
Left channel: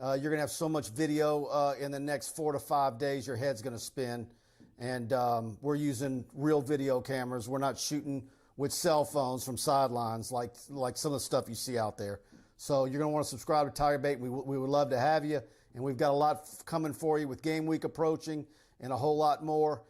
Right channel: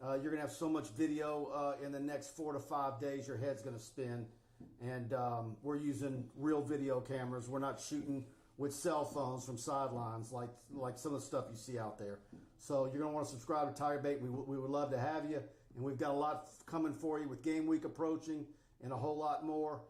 you're going to have so much video in the next 4 to 5 days, your head's going to spin. And we're using real video cameras. We're not shooting with cell phones from sidelines like some of the stuff you see out there. So you're going to want to subscribe to TigerBait. We would love to have you. And we've got a lot coming for you with game week approaching and a whole lot more.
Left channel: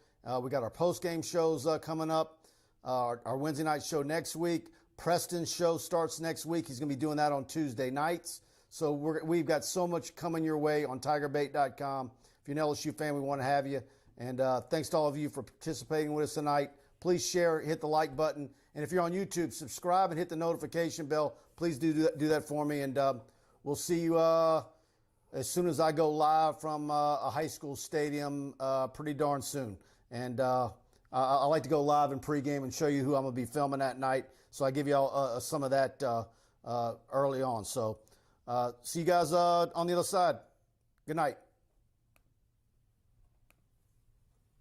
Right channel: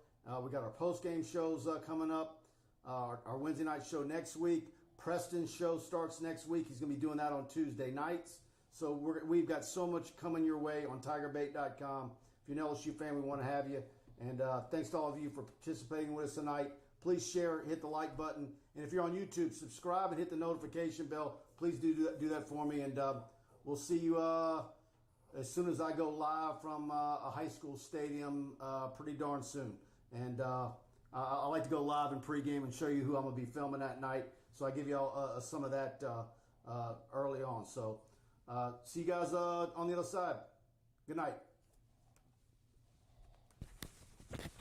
We got our post-game shows coming up, our Wednesday night show next week. Preston's show starts next week. He's going to be doing that on Tuesday nights. So we've got so much coming your way on TigerBait.com. If you're an LSU fan, we want to have you. And thanks to all of you for participating with us tonight. Please share, hit the like button. And if you're on YouTube, subscribe and hit the notification bell. Please do that for me. And we'll see you as soon as I go live from a high school stadium pretty darn soon. And I like to go live in pregame and show you who I'm going to be filming that night. So I give you all some of that early on. So see you guys on the other side. Good night.